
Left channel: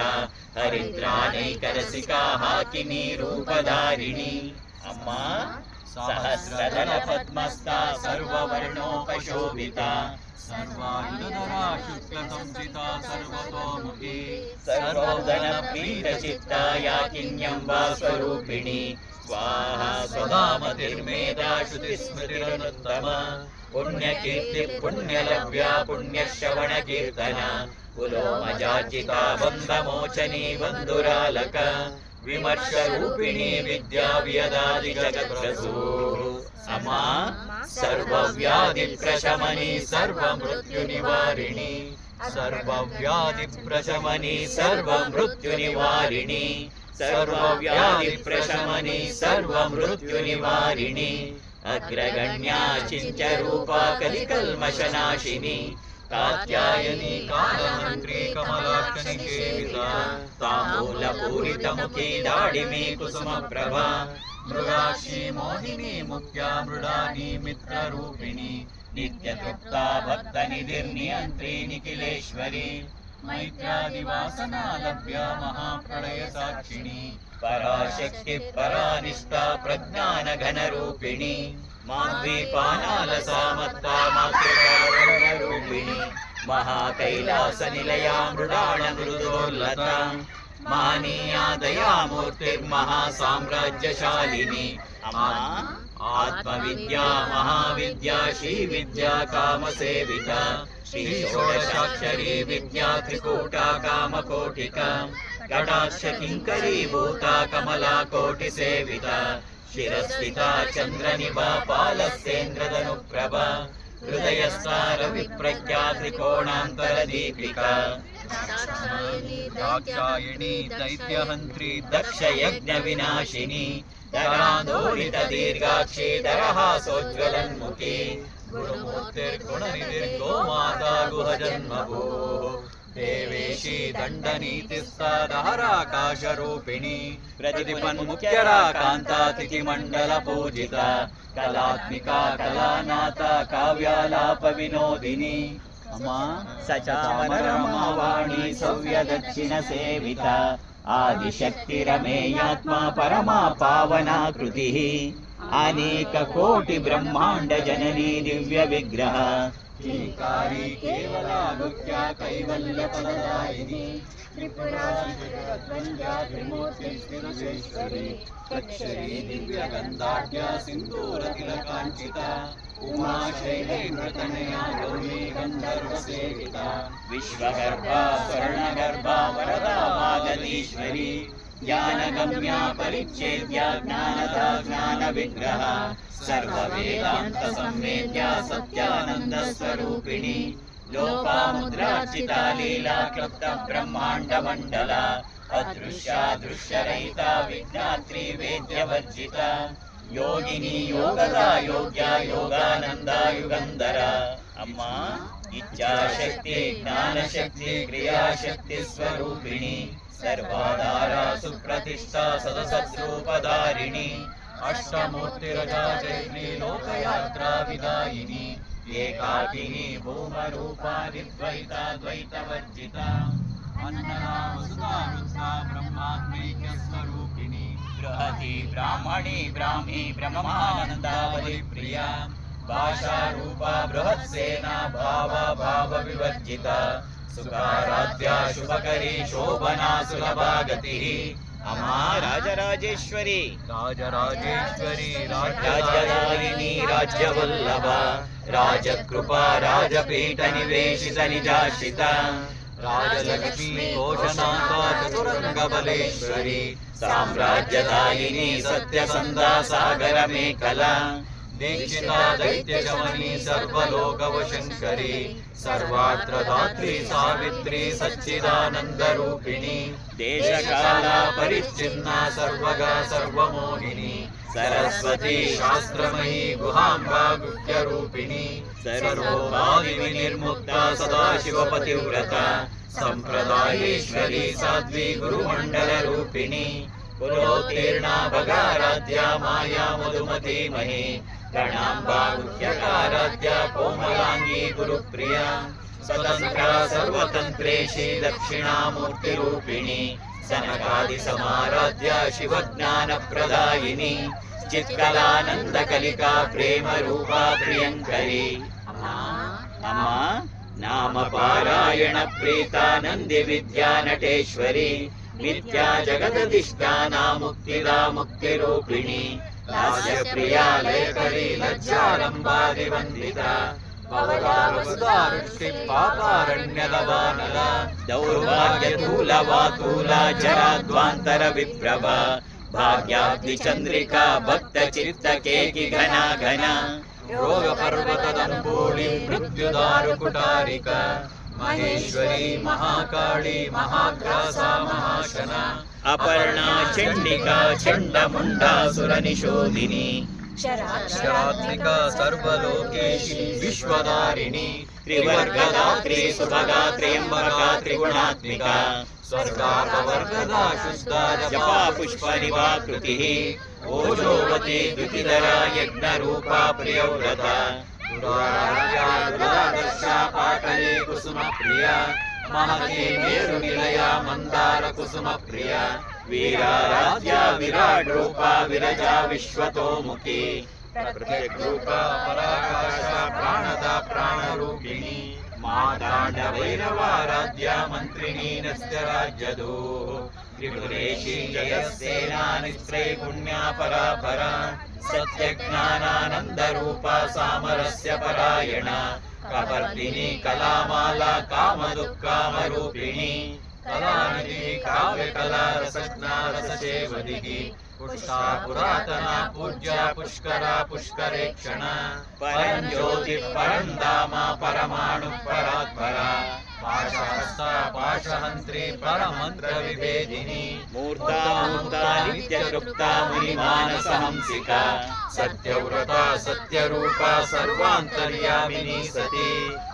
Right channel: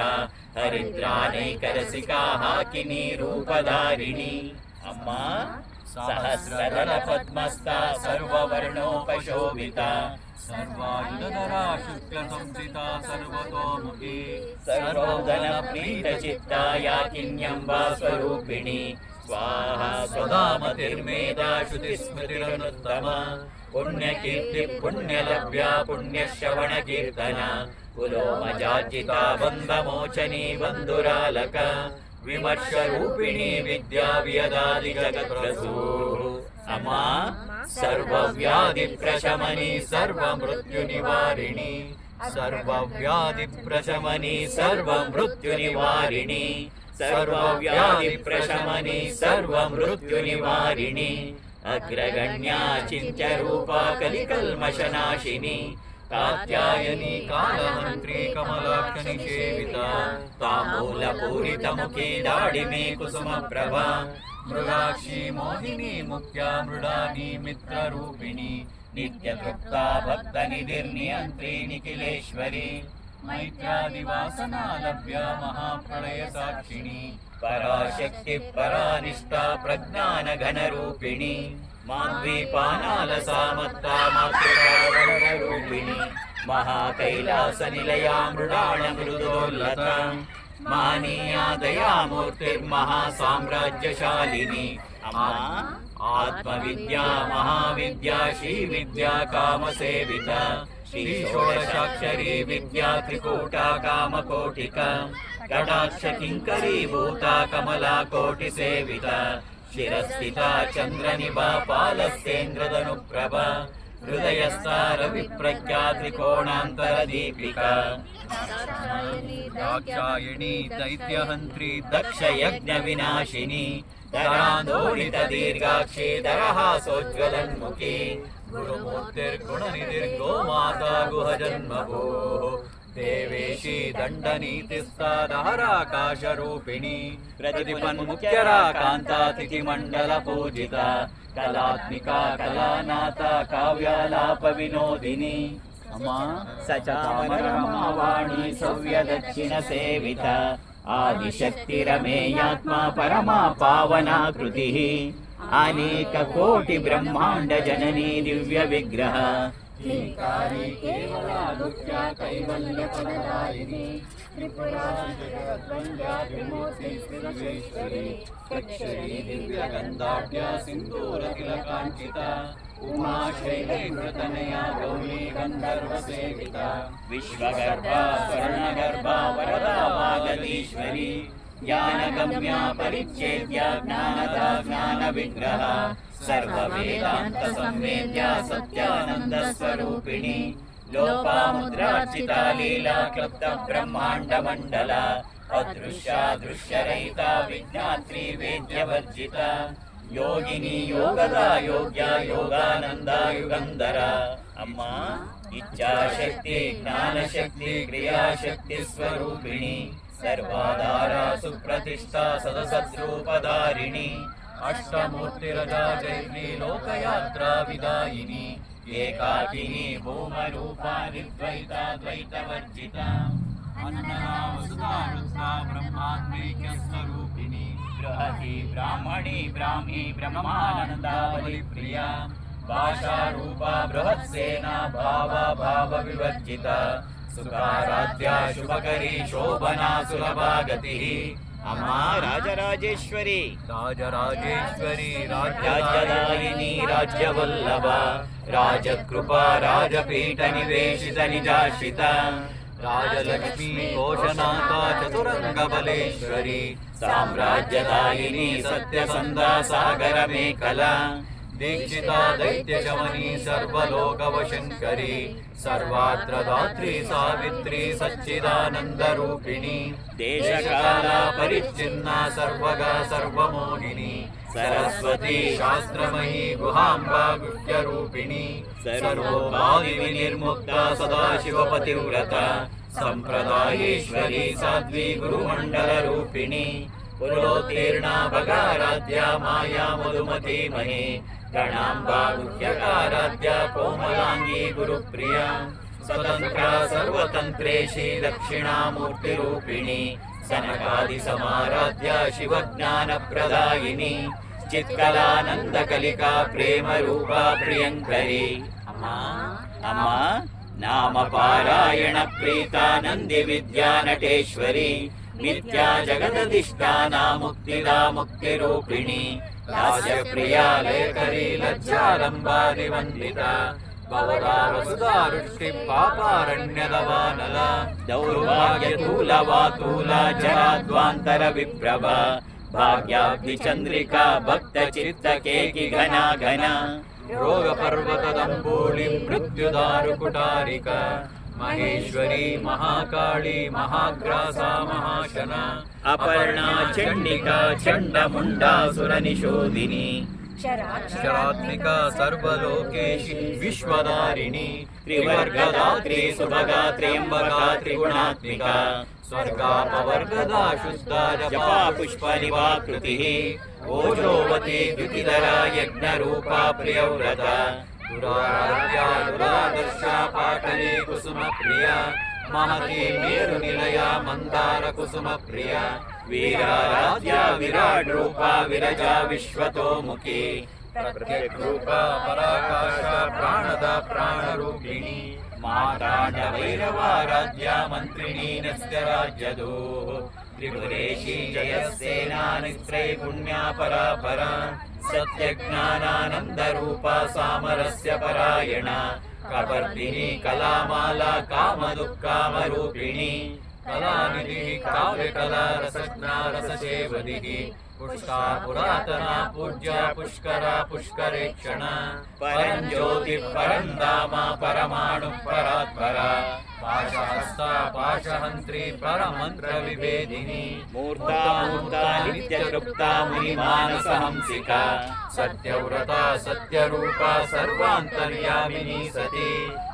ಹರಿದ್ರಾನೈಕರಸಿಕಾ ಹಾಕಿನಿ ರೂಪಧಾರಿಣಿ. ಅಮ್ಮ ಸಹಸ್ರದಳ ಪದ್ಮಸ್ಥಾ ಸರ್ವವರ್ಣೋಪಶೋಭಿತ ಸರ್ವಾಯುಧರಾ ಶುಕ್ಲ ಸಂಸ್ಥಿತ ಸರ್ವತೋಮುಖಿ ಸರ್ವೌದನ ಪ್ರೀತ ಚಿತ್ತ ಯಾಕಿನ್ಯಂಬಾ ಸ್ವರೂಪಿಣಿ ಸ್ವಾಹ ಸ್ವದಾ ಮತಿರ್ಮೇಧಾ ಶ್ರುತಿ ಸ್ಮೃತಿರನುತ್ತಮ ಪುಣ್ಯಕೀರ್ತಿ ಪುಣ್ಯಲಭ್ಯ ಪುಣ್ಯಶ್ರವಣ ಕೀರ್ತನ ಕುಲೋಮಜಾರ್ಜಿತ ಬಂಧಮೋಚನಿ ಬಂಧುರಾಲಕ ವಿಮರ್ಶ ರೂಪಿಣಿ ವಿದ್ಯಾ ವ್ಯದಾದಿ ಜಗತ್ಪ್ರಸೂ. ಅಮ್ಮ ಸರ್ವವ್ಯಾಧಿ ಪ್ರಶಮನಿ ಸರ್ವ ಮೃತ್ಯು ನಿವಾರಿಣಿ ಸರ್ವವ್ಯಾಧಿ ಪ್ರಶಮನಿ ಸರ್ವ ಮೃತ್ಯು ನಿವಾರಿಣಿ ಸರ್ವವ್ಯಾಧಿ ಪ್ರಶಮನಿ ಸರ್ವ ಮೃತ್ಯು ನಿವಾರಿಣಿ ಅಗ್ರಗಣ್ಯಾ ಚಿಂಚರೂಪ ಕಲಿಕಲ್ಮಶನಾಶಿನಿ ಕಾತ್ಯಾಯನಿ ಕಾಲಮಂತ್ರಿ ಕಮಲಾಕ್ಷಿ ಸೇವಿತ ತಾಂಬೂಲ ಪೂರಿತ ಮುಖಿ ದಾಡಿಮಿ ಕುಸುಮ ಪ್ರಭಾ ಮೃಗಾಕ್ಷಿ ಮೋಹಿನಿ ಮುಖ್ಯ ಮೃಡಾನಿ ಮಿತ್ರ ರೂಪಿಣಿ ನಿತ್ಯ ತೃಪ್ತಾ ಭಕ್ತ ನಿಧಿರ್ನಿಯಂತ್ರಿ ನಿಖಿಲೇಶ್ವರಿ ಮೈತ್ರಾದಿವಾಸನಾ ಲಭ್ಯ ಮಹಾಪ್ರಳಯ ಸಾಕ್ಷಿಣಿ ಪರಾಶಕ್ತಿ ಪರಾನಿಷ್ಠಾ ಪ್ರಜ್ಞಾನ ಘನ ರೂಪಿಣಿ ಮಾದ್ವೀಪಾನಾಲ ಸಾಮತ್ತ ಮಾತೃಕಾವರ್ಣ ರೂಪಿಣಿ ಮಹಾಕೈಲಾಸ ನಿಲಯ ಮೃಡಾಣ ಮೃದುರ್ಲತ ಮಾನೀಯಾ ದಯಾಮೂರ್ತಿರ್ಮಹಾ ಸಾಮ್ರಾಜ್ಯಶಾಲಿನಿ. ಅಮ್ಮ ಆತ್ಮವಿದ್ಯಾ ಮಹಾವಿದ್ಯಾ ಶ್ರೀ ವಿದ್ಯಾ ಕಾಮ ಸೇವಿತ ಶ್ರೀ ಷೋಡಶಾಕ್ಷರಿ ವಿದ್ಯಾ ತ್ರಿಕೂಟ ಕಾಮಕೋಟಿಕ ಕಟಾಕ್ಷ ಕಿಂಕರೀಭೂತ ಕಮಲಾ ಕೋಟಿ ಸೇವಿತ ಶಿರಸ್ಥಿತ ಚಂದ್ರನಿಭಾ ಪಾಲಸ್ತೇಂದ್ರದನುಪ್ರಭ ಹೃದಯಸ್ಥಾರ ವಿಪ್ರಖ್ಯಾ ತ್ರಿಕೋಣಾಂತರ ದೀಪಿಕಾ ದಾಕ್ಷಾಯಣಿ ದೈತ್ಯಹಂತ್ರಿ ದಕ್ಷ ಯಜ್ಞ ವಿನಾಶಿನಿ ಧರಾಂದೋಳಿತ ದೀರ್ಘಾಕ್ಷಿ ದರಹಾಸೋಜ್ವಲನ್ಮುಖಿ ಗುರುಮೂರ್ತಿರ್ಗುಣನಿಧಿರ್ಗೋ ಮಾತಾ ಗುಹಜನ್ಮಭೋ ದೇವೇಶಿ ದಂಡನೀತಿಸ್ತಾಧಾರಾಕಾಶ ರೂಪಿಣಿ ಪ್ರತಿಪನ್ಮುಖ್ಯರ ಕಾಂತಾತಿಥಿ ಮಂಡಲ ಪೂಜಿತ ಕಲಾತ್ಮಿಕಾ ಕಲಾನಾಥ ಕಾವ್ಯಾಲಾಪ ವಿನೋದಿನಿ. ಅಮ್ಮ ಸಚಾಮರ ರಮಾವಾಣಿ ಸೌವ್ಯ ದಕ್ಷಿಣ ಸೇವಿತ ಆದಿಶಕ್ತಿ ರಮೇಯಾತ್ಮ ಪರಮಾ ಪಾವನಾಕೃತಿ ಅನೇಕ ಕೋಟಿ ಬ್ರಹ್ಮಾಂಡ ಜನನಿ ದಿವ್ಯ ವಿಗ್ರಹ ಕೇವಲ ಕೈವಲ್ಯ ಫಲದಾಯಿನಿ त्रिपुरा जगद्वन्द्या त्रिमूर्ति श्रीविश्वेश्वरी प्रक्षरी दिव्यगन्धाढ्य सिन्दूरतिलकाञ्चिता उमा शैलेन्द्रतनया गौरी गन्धर्वसेविता विश्वगर्भा स्वर्णगर्भा वरदा वागदीश्वरी ज्ञानगम्या परिच्छेद्या ज्ञानदा ज्ञानविग्रह सर्ववेदान्तसंवेद्या सत्यानन्दस्वरूपिणी लोपामुद्रार्चिता लीला क्लुप्त ब्रह्माण्डमण्डला अदृश्या दृश्यरहिता विज्ञात्री वेद्यवर्जिता योगिनी योगदा योग्या योगानंदा युगंधरा अम्मा इच्छाशक्ति ज्ञानशक्ति क्रियाशक्ति स्वरूपिणी सर्वाधारा सुप्रतिष्ठा सदसद्रूपधारिणी अष्टमूर्तिरजाचरी लोकयात्रा विदायिनी एकाकिनी भूमरूपा निर्द्वैता द्वैतवर्जिता अन्नदा वसुधा रुद्रा ब्रह्मात्मैक्यस्वरूपिणी बृहती ब्राह्मणी ब्राह्मी ब्रह्मानन्दावली प्रिया भाषारूपा बृहत्सेना भावा भावविवर्जिता सुखाराध्या शुभकरी शोभना सुलभा गतिः अम्मा राजराजेश्वरी राजराजेश्वरी राज्यदायिनी राज्यवल्लभा राजकृपा राजपीठ निवेशित निजाश्रिता राजलक्ष्मी घोषनाका चतुरंगबलेश्वरी साम्राज्यदायिनी सत्यसन्धा सागर मेखला दीक्षिता दैत्यशमनी सर्वलोकवशङ्करी सर्वात्र धात्री सावित्री सच्चिदानन्दरूपिणी देशकाला परिच्छिन्ना सर्वगा सर्वमोहिनी सरस्वती शास्त्रमयी गुहाम्बा गुह्यरूपिणी सर्वोपाधिविनिर्मुक्ता सदाशिवपतिव्रता सम्प्रदायेश्वरी साध्वी गुरुमण्डलरूपिणी पुरोत्तीर्णा भगाराध्या माया मधुमती मही गणाम्बा गुह्यकाराध्या कोमलांगी गुरुप्रिया स्वतन्त्रा सर्वतन्त्रेशी दक्षिणामूर्तिरूपिणी सनकादिसमाराध्या शिवज्ञानप्रदायिनी चित्कलानन्दकलिका प्रेमरूपा प्रियङ्करी अम्मा नामपारायण प्रीता नन्दिविद्या नटेश्वरी नित्या जगदधिष्ठाना मुक्तिदा मुक्तिरूपिणी लास्यप्रिया लयकरी लज्जालम्बादिवन्दिता वसुधारुष्टि पापारण्यदवानला दौर्भाग्यतूलवातूला जराद्वान्तरविप्रभा भाग्याब्धिचन्द्रिका भक्तचित्तकेकि घना घना रोगपर्वतदम्बूळि मृत्युदारुकुटारिका महेश्वरी महाकाली महाग्रासा महाशना अपर्णा चण्डिका चण्डमुण्डासुरनिशोधिनी शरात्मिका सर्वलोकेशी विश्वधारिणी त्रिवर्गदात्री सुभगा त्र्यम्बका त्रिगुणात्मिका स्वर्गापवर्गदा शुद्धा जपा पुष्पनिवाकृतिः ओजोवती द्युतिधरा यज्ञरूपा प्रियव्रता दुरादर्शा पाटली कुसुमप्रिया महती मेरुनिलया मन्दार कुसुमप्रिया वीराराध्या विराट रूपा विरजा विश्वतोमुखी प्रत्यग्रूपा पराकाशा प्राणदा प्राणरूपिणी माताण्डभैरवाराध्या मन्त्रिणी नस्त्यराज्यदोः त्रिपुरेशी जयसेना निस्त्रैगुण्या परापरा सत्यज्ञानानन्दरूपा सामरस्य परायणा कपर्दिनी कलामाला कामदुःखामरूपिणी कलानिधि काव्यकला रसज्ञा रससेवदिः पुष्टा पुरातना पूज्या पुष्करा पुष्करेक्षणा परञ्ज्योतिः परन्धामा परमाणुः परात्परा पाशहस्ता पाशहन्त्री परमन्त्रविभेदिनी मूर्ता मूर्ता नित्यतृप्ता मुनिमानसहंसिका सत्यव्रता सत्यरूपा सर्वान्तर्यामिनी सती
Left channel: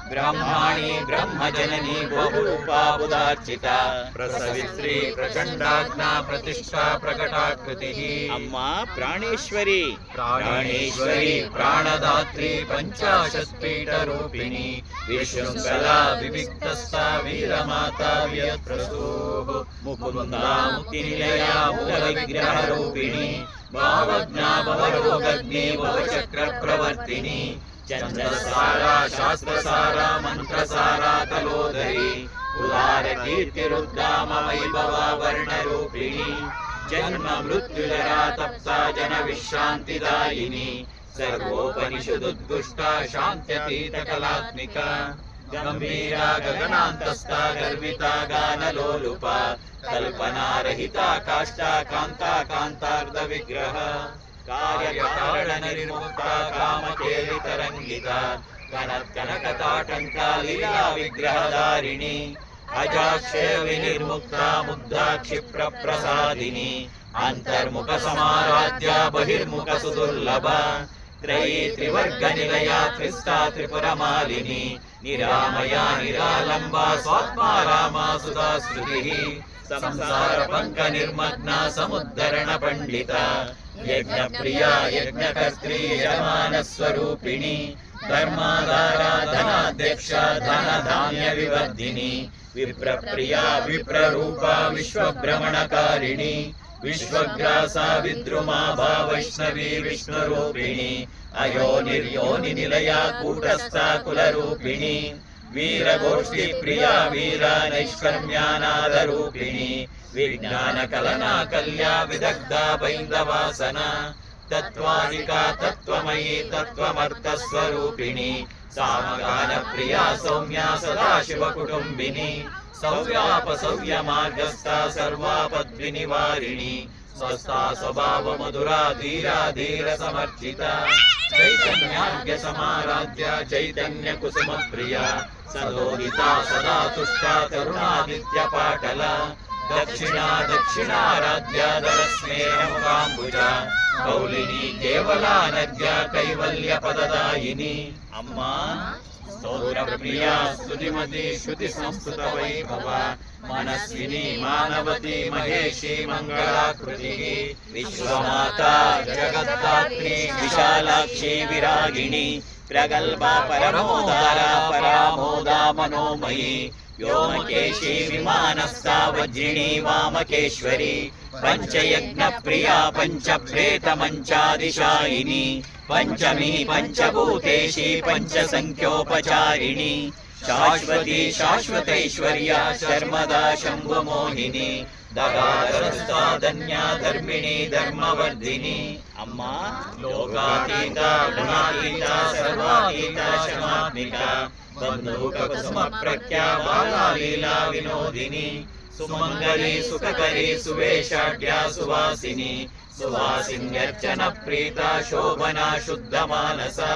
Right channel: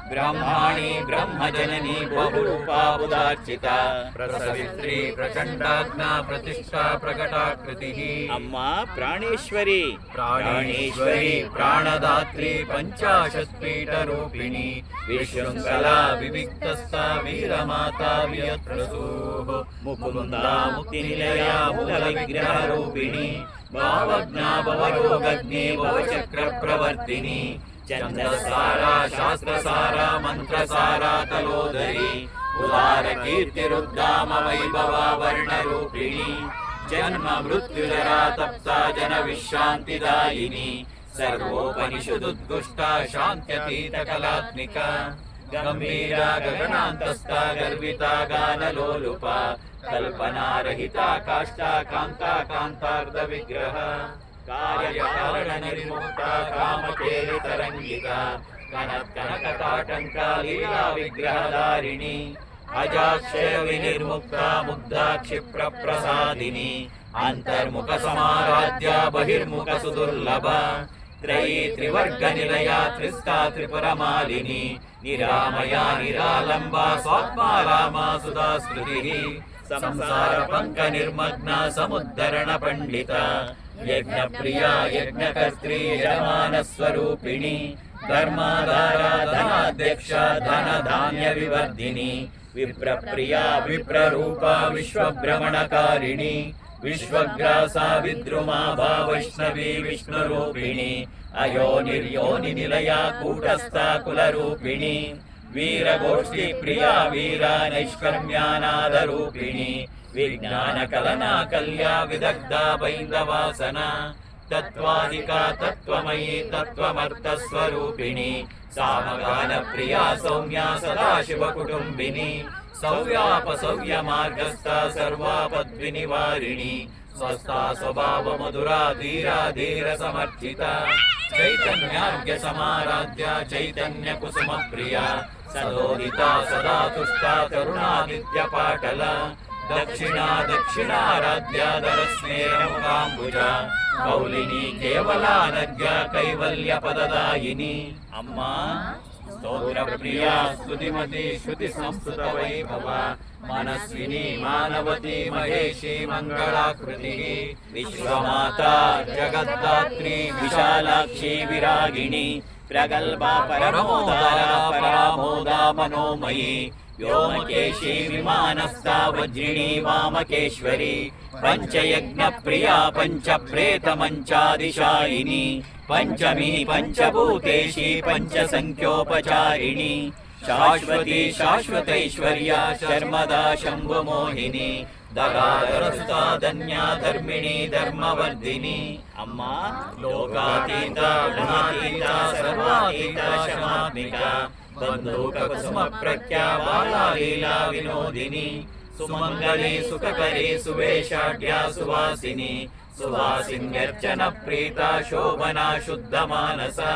ब्रह्माणि ब्रह्मजननी भूरूपा बुधार्चिता प्रसवित्री प्रचण्डाज्ञा प्रतिष्ठा प्रकटाकृतिः अम्मा प्राणेश्वरी प्राणेश्वरी प्राणदात्री पञ्चाशत्पीठरूपिणी विशृङ्खला विविक्तस्था वीरमाता वियत्रसूः मुकुन्दा मुक्तिनिलया मूलविग्रहरूपिणी भावज्ञा भवरोगग्नि भवचक्रप्रवर्तिनी चन्द्रसारा शास्त्रसारा मन्त्रसारा कलोदरी उदार कीर्तिरुद्धाम वैभवा वर्णरूपिणी जन्म मृत्युजरा तप्ता जन विश्रान्तिदायिनी सर्वोपनिषदुद्गुष्टा शान्त्यतीतकलात्मिका गम्भीरा गगनान्तस्था गर्विता गानलोलुपा कल्पनारहिता काष्ठा कान्ता कान्तार्धविग्रह कार्यकारणनिर्मुक्ता कामकेलितरङ्गिका कनकताटङ्का लीला विग्रहधारिणी अजाक्षय विनिर्मुक्ता मुग्धा क्षिप्रप्रसादिनी अंतर्मुख समाराध्या बहिर्मुख सुदुर्लभा त्रयी त्रिवर्गनिलया त्रिस्ता त्रिपुरमालिनी निरामया निरालम्बा स्वात्मा रामा सुधा स्मृतिः संसार पंक निर्मग्ना समुद्धरण पंडिता यज्ञप्रिया यज्ञकर्त्री यजमान स्वरूपिणी धर्माधारा धनाध्यक्षा धन धान्य विवर्धिनी विप्रप्रिया विप्ररूपा विश्वभ्रमणकारिणी विश्वग्रासा विद्रुमा वैष्णवी विष्णुरूपिणी अयोनिर्योनि निलया कूटस्था कुलरूपिणी वीरगोष्ठी प्रिया वीरा नैष्कर्म्यानादरूपिणी विज्ञान कलना कल्या विदग्धा बैन्दवासना तत्त्वादिका तत्त्वमयी तत्त्वमर्थस्वरूपिणी सामगान प्रिया सौम्या सदाशिवकुटुम्बिनी सौव्यापसौव्य मार्गस्था सर्वापद्विनिवारिणी स्वस्था स्वभाव मधुरा धीरा धीर समर्चिता चैतन्यार्घ्य समाराध्या चैतन्य कुसुम प्रिया सदोदिता सदा तुष्टा तरुणादित्य पाटला दक्षिणा दक्षिणाराध्या दरस्नेहमुखाम्बुजा कौलिनी केवला नद्या कैवल्य पददायिनी अम्मा स्तोत्र प्रिया स्तुतिमती श्रुति संस्कृत वैभवा मनस्विनी मानवती महेशी मंगलाकृति विश्वमाता जगद्धात्री विशालाक्षी विरागिणी प्रगल्भा परमोदारा परामोदा मनोमयी व्योमकेशी विमानस्था वज्रिणी वामकेश्वरी पंचयज्ञ प्रिया पंचप्रेत मंचादिशायिनी पंचमी पंचभूतेशी पंचसंख्योपचारिणी शाश्वती शाश्वतैश्वर्या शर्मदा शंभुमोहिनी दगादरस्था धन्या धर्मिणी धर्मवर्धिनी अम्मा लोकातीता गुणातीता सर्वातीता शमात्मिका बंधुक कुसुम प्रख्या बाला लीला विनोदिनी सुमंगली सुखकरी सुवेशाढ्या सुवासिनी सुवासिन्यर्चन प्रीता शोभना शुद्ध मानसा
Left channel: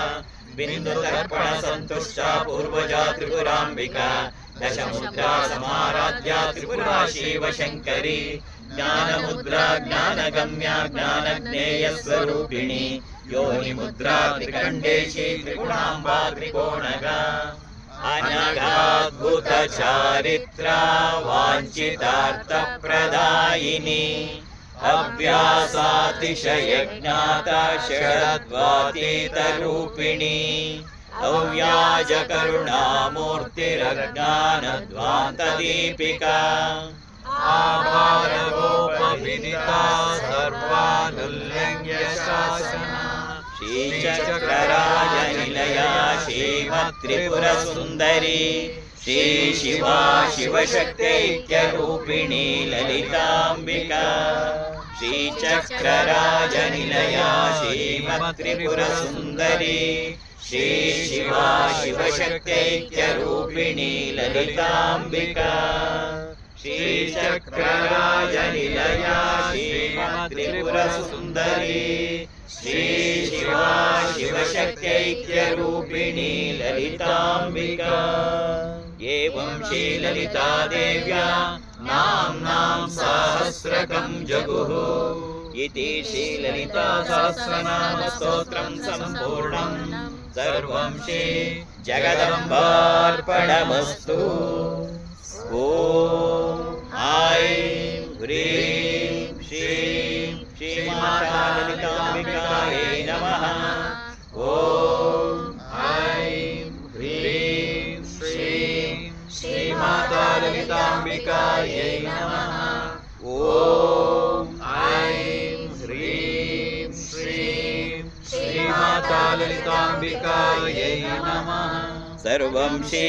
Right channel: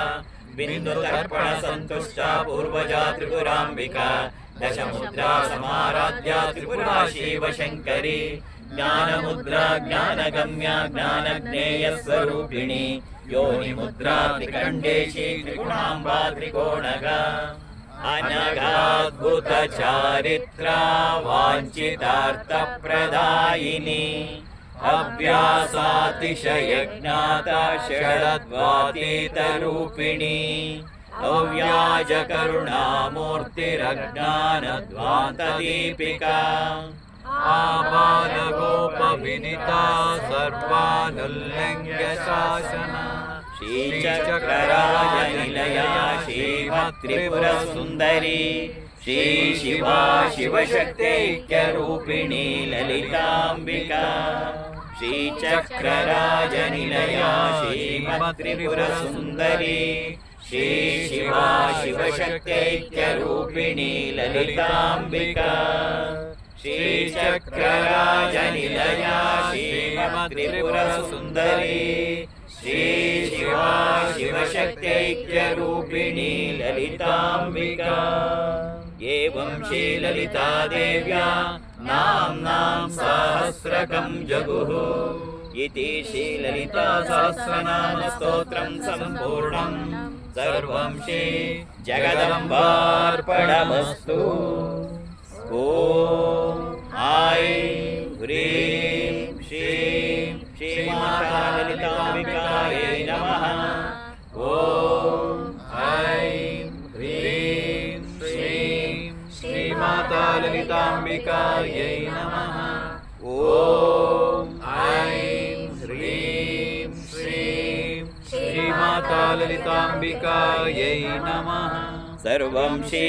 बिंदु तर्पण संतुष्टा पूर्वजा त्रिपुरांबिका दशमुद्रा समाराध्या त्रिपुरा शिव शंकरी ज्ञान मुद्रा ज्ञान गम्या ज्ञान ज्ञेय स्वरूपिणी योनि मुद्रा त्रिकंडेशी त्रिगुणांबा त्रिकोणगा अनघाद्भुत चारित्रा वांछितार्थ प्रदायिनी अभ्यासातिशय ज्ञाता षडद्वातीतरूपिणी अव्याज करुणामूर्तिरज्ञानध्वान्तदीपिका आबालगोपविदिता सर्वानुल्लङ्घ्य शासना श्रीचक्रराजनिलया श्रीमत्त्रिपुरसुन्दरी श्री शिवा शिवशक्त्यैक्यरूपिणी ललिताम्बिका श्रीचक्रराजनिलया श्रीमत्त्रिपुरसुन्दरी श्री शिवा शिवशक्त्यैक्यरूपिणी ललिताम्बिका श्रीचक्रराजनिलया श्रीमत्त्रिपुरसुन्दरी श्री शिवा शिवशक्त्यैक्यरूपिणी ललिताम्बिका एवं श्रीललिता देव्या नाम्नां सहस्रकं जगुः इति श्रीललिता सहस्रनाम स्तोत्रं सम्पूर्णं सर्वं श्री जगदम्बार्पणमस्तु। ॐ ऐं ह्रीं श्रीं श्रीमाता ललिताम्बिकायै नमः। ॐ ऐं ह्रीं श्रीं श्रीमाता ललिताम्बिकायै नमः। ॐ ऐं ह्रीं श्रीं श्रीमाता ललिताम्बिकायै नमः। सर्वं श्री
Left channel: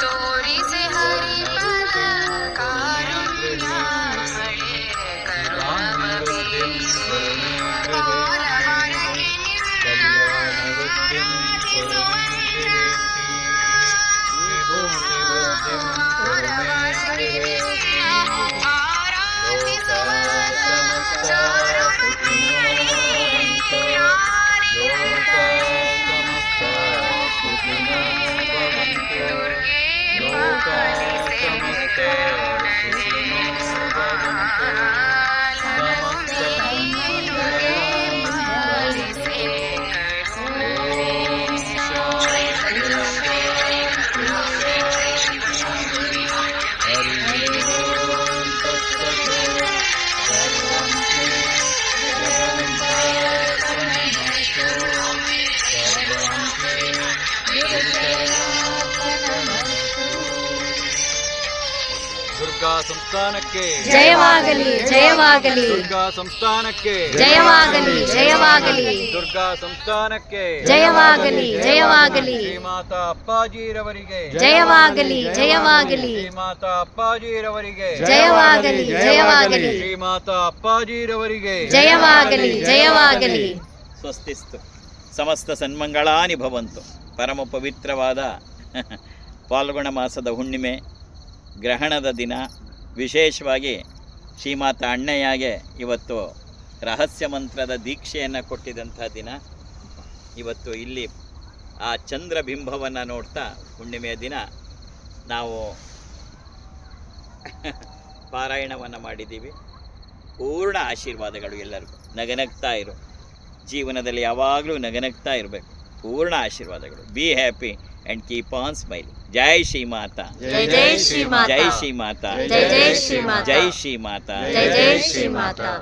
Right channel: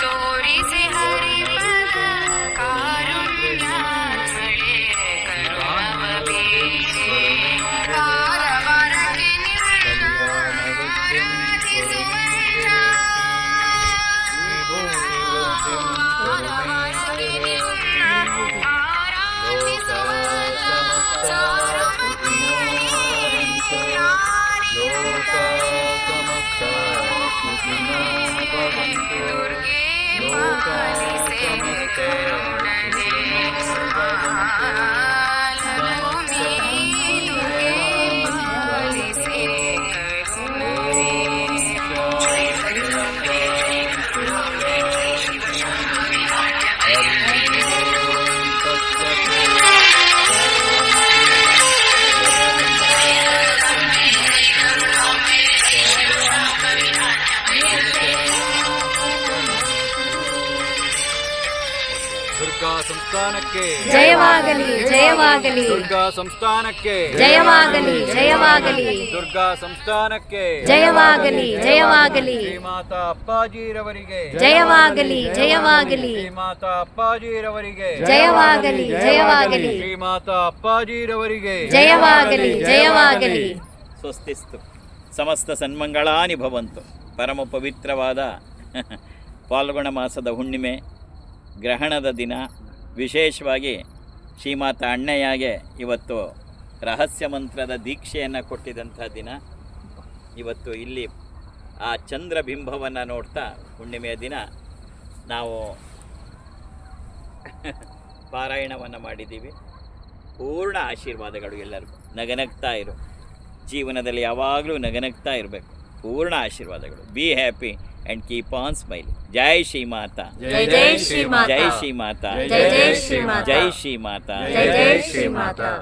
ತೋರಿಸಿ ಹರಿಪದ ದುರ್ಗಾ ಸಂಸ್ಥಾನಕ್ಕೆ ಜಯವಾಗಲಿ ಜಯವಾಗಲಿ ದುರ್ಗಾ ಸಂಸ್ಥಾನಕ್ಕೆ ಜಯವಾಗಲಿ ಜಯವಾಗಲಿ ದುರ್ಗಾ ಸಂಸ್ಥಾನಕ್ಕೆ ಜಯವಾಗಲಿ ಜಯವಾಗಲಿ ಶ್ರೀಮಾತಾ ಅಪ್ಪಾಜಿರವರಿಗೆ ಜಯವಾಗಲಿ ಜಯವಾಗಲಿ ಶ್ರೀಮಾತಾ ಅಪ್ಪಾಜಿರವರಿಗೆ ಜಯವಾಗಲಿ ಜಯವಾಗಲಿ ಶ್ರೀಮಾತಾ ಅಪ್ಪಾಜಿರವರಿಗೆ ಜಯವಾಗಲಿ ಜಯವಾಗಲಿ. ಸ್ವಸ್ತಿಸ್ತು ಸಮಸ್ತ ಸನ್ಮಂಗಳಾನಿ ಭವಂತು. ಪರಮ ಪವಿತ್ರವಾದ ಫಾಲ್ಗುಣ ಮಾಸದ ಹುಣ್ಣಿಮೆ ಗ್ರಹಣದ ದಿನ, ವಿಶೇಷವಾಗಿ ಶ್ರೀಮಾತಾ ಅಣ್ಣಯ್ಯಗೆ ಇವತ್ತು ರಹಸ್ಯ ಮಂತ್ರದ ದೀಕ್ಷೆಯನ್ನು ಕೊಟ್ಟಿದ್ದಂಥ ದಿನ. ಇವತ್ತು ಇಲ್ಲಿ ಆ ಚಂದ್ರಬಿಂಬವನ್ನು ನೋಡ್ತಾ ಹುಣ್ಣಿಮೆಯ ದಿನ ನಾವು ಪಾರಾಯಣವನ್ನು ಮಾಡಿದ್ದೀವಿ. ಪೂರ್ಣ ಆಶೀರ್ವಾದಗಳು ಎಲ್ಲರಿಗೂ. ನಗನಗ್ತಾ ಇರು, ಜೀವನದಲ್ಲಿ ಯಾವಾಗಲೂ ನಗನಗ್ತಾ ಇರಬೇಕು. ಪೂರ್ಣ ಆಶೀರ್ವಾದಗಳು. Be happy and keep on smiling. ಜೈ ಶ್ರೀ ಮಾತಾ, ಜೈ ಜೈ ಶ್ರೀ ಮಾತಾ, ಜೈ ಶ್ರೀ ಮಾತಾ, ಜೈ ಜೈ ಶ್ರೀ ಮಾತಾ, ಜೈ ಶ್ರೀ ಮಾತಾ, ಜೈ ಜೈ ಶ್ರೀ ಮಾತಾ.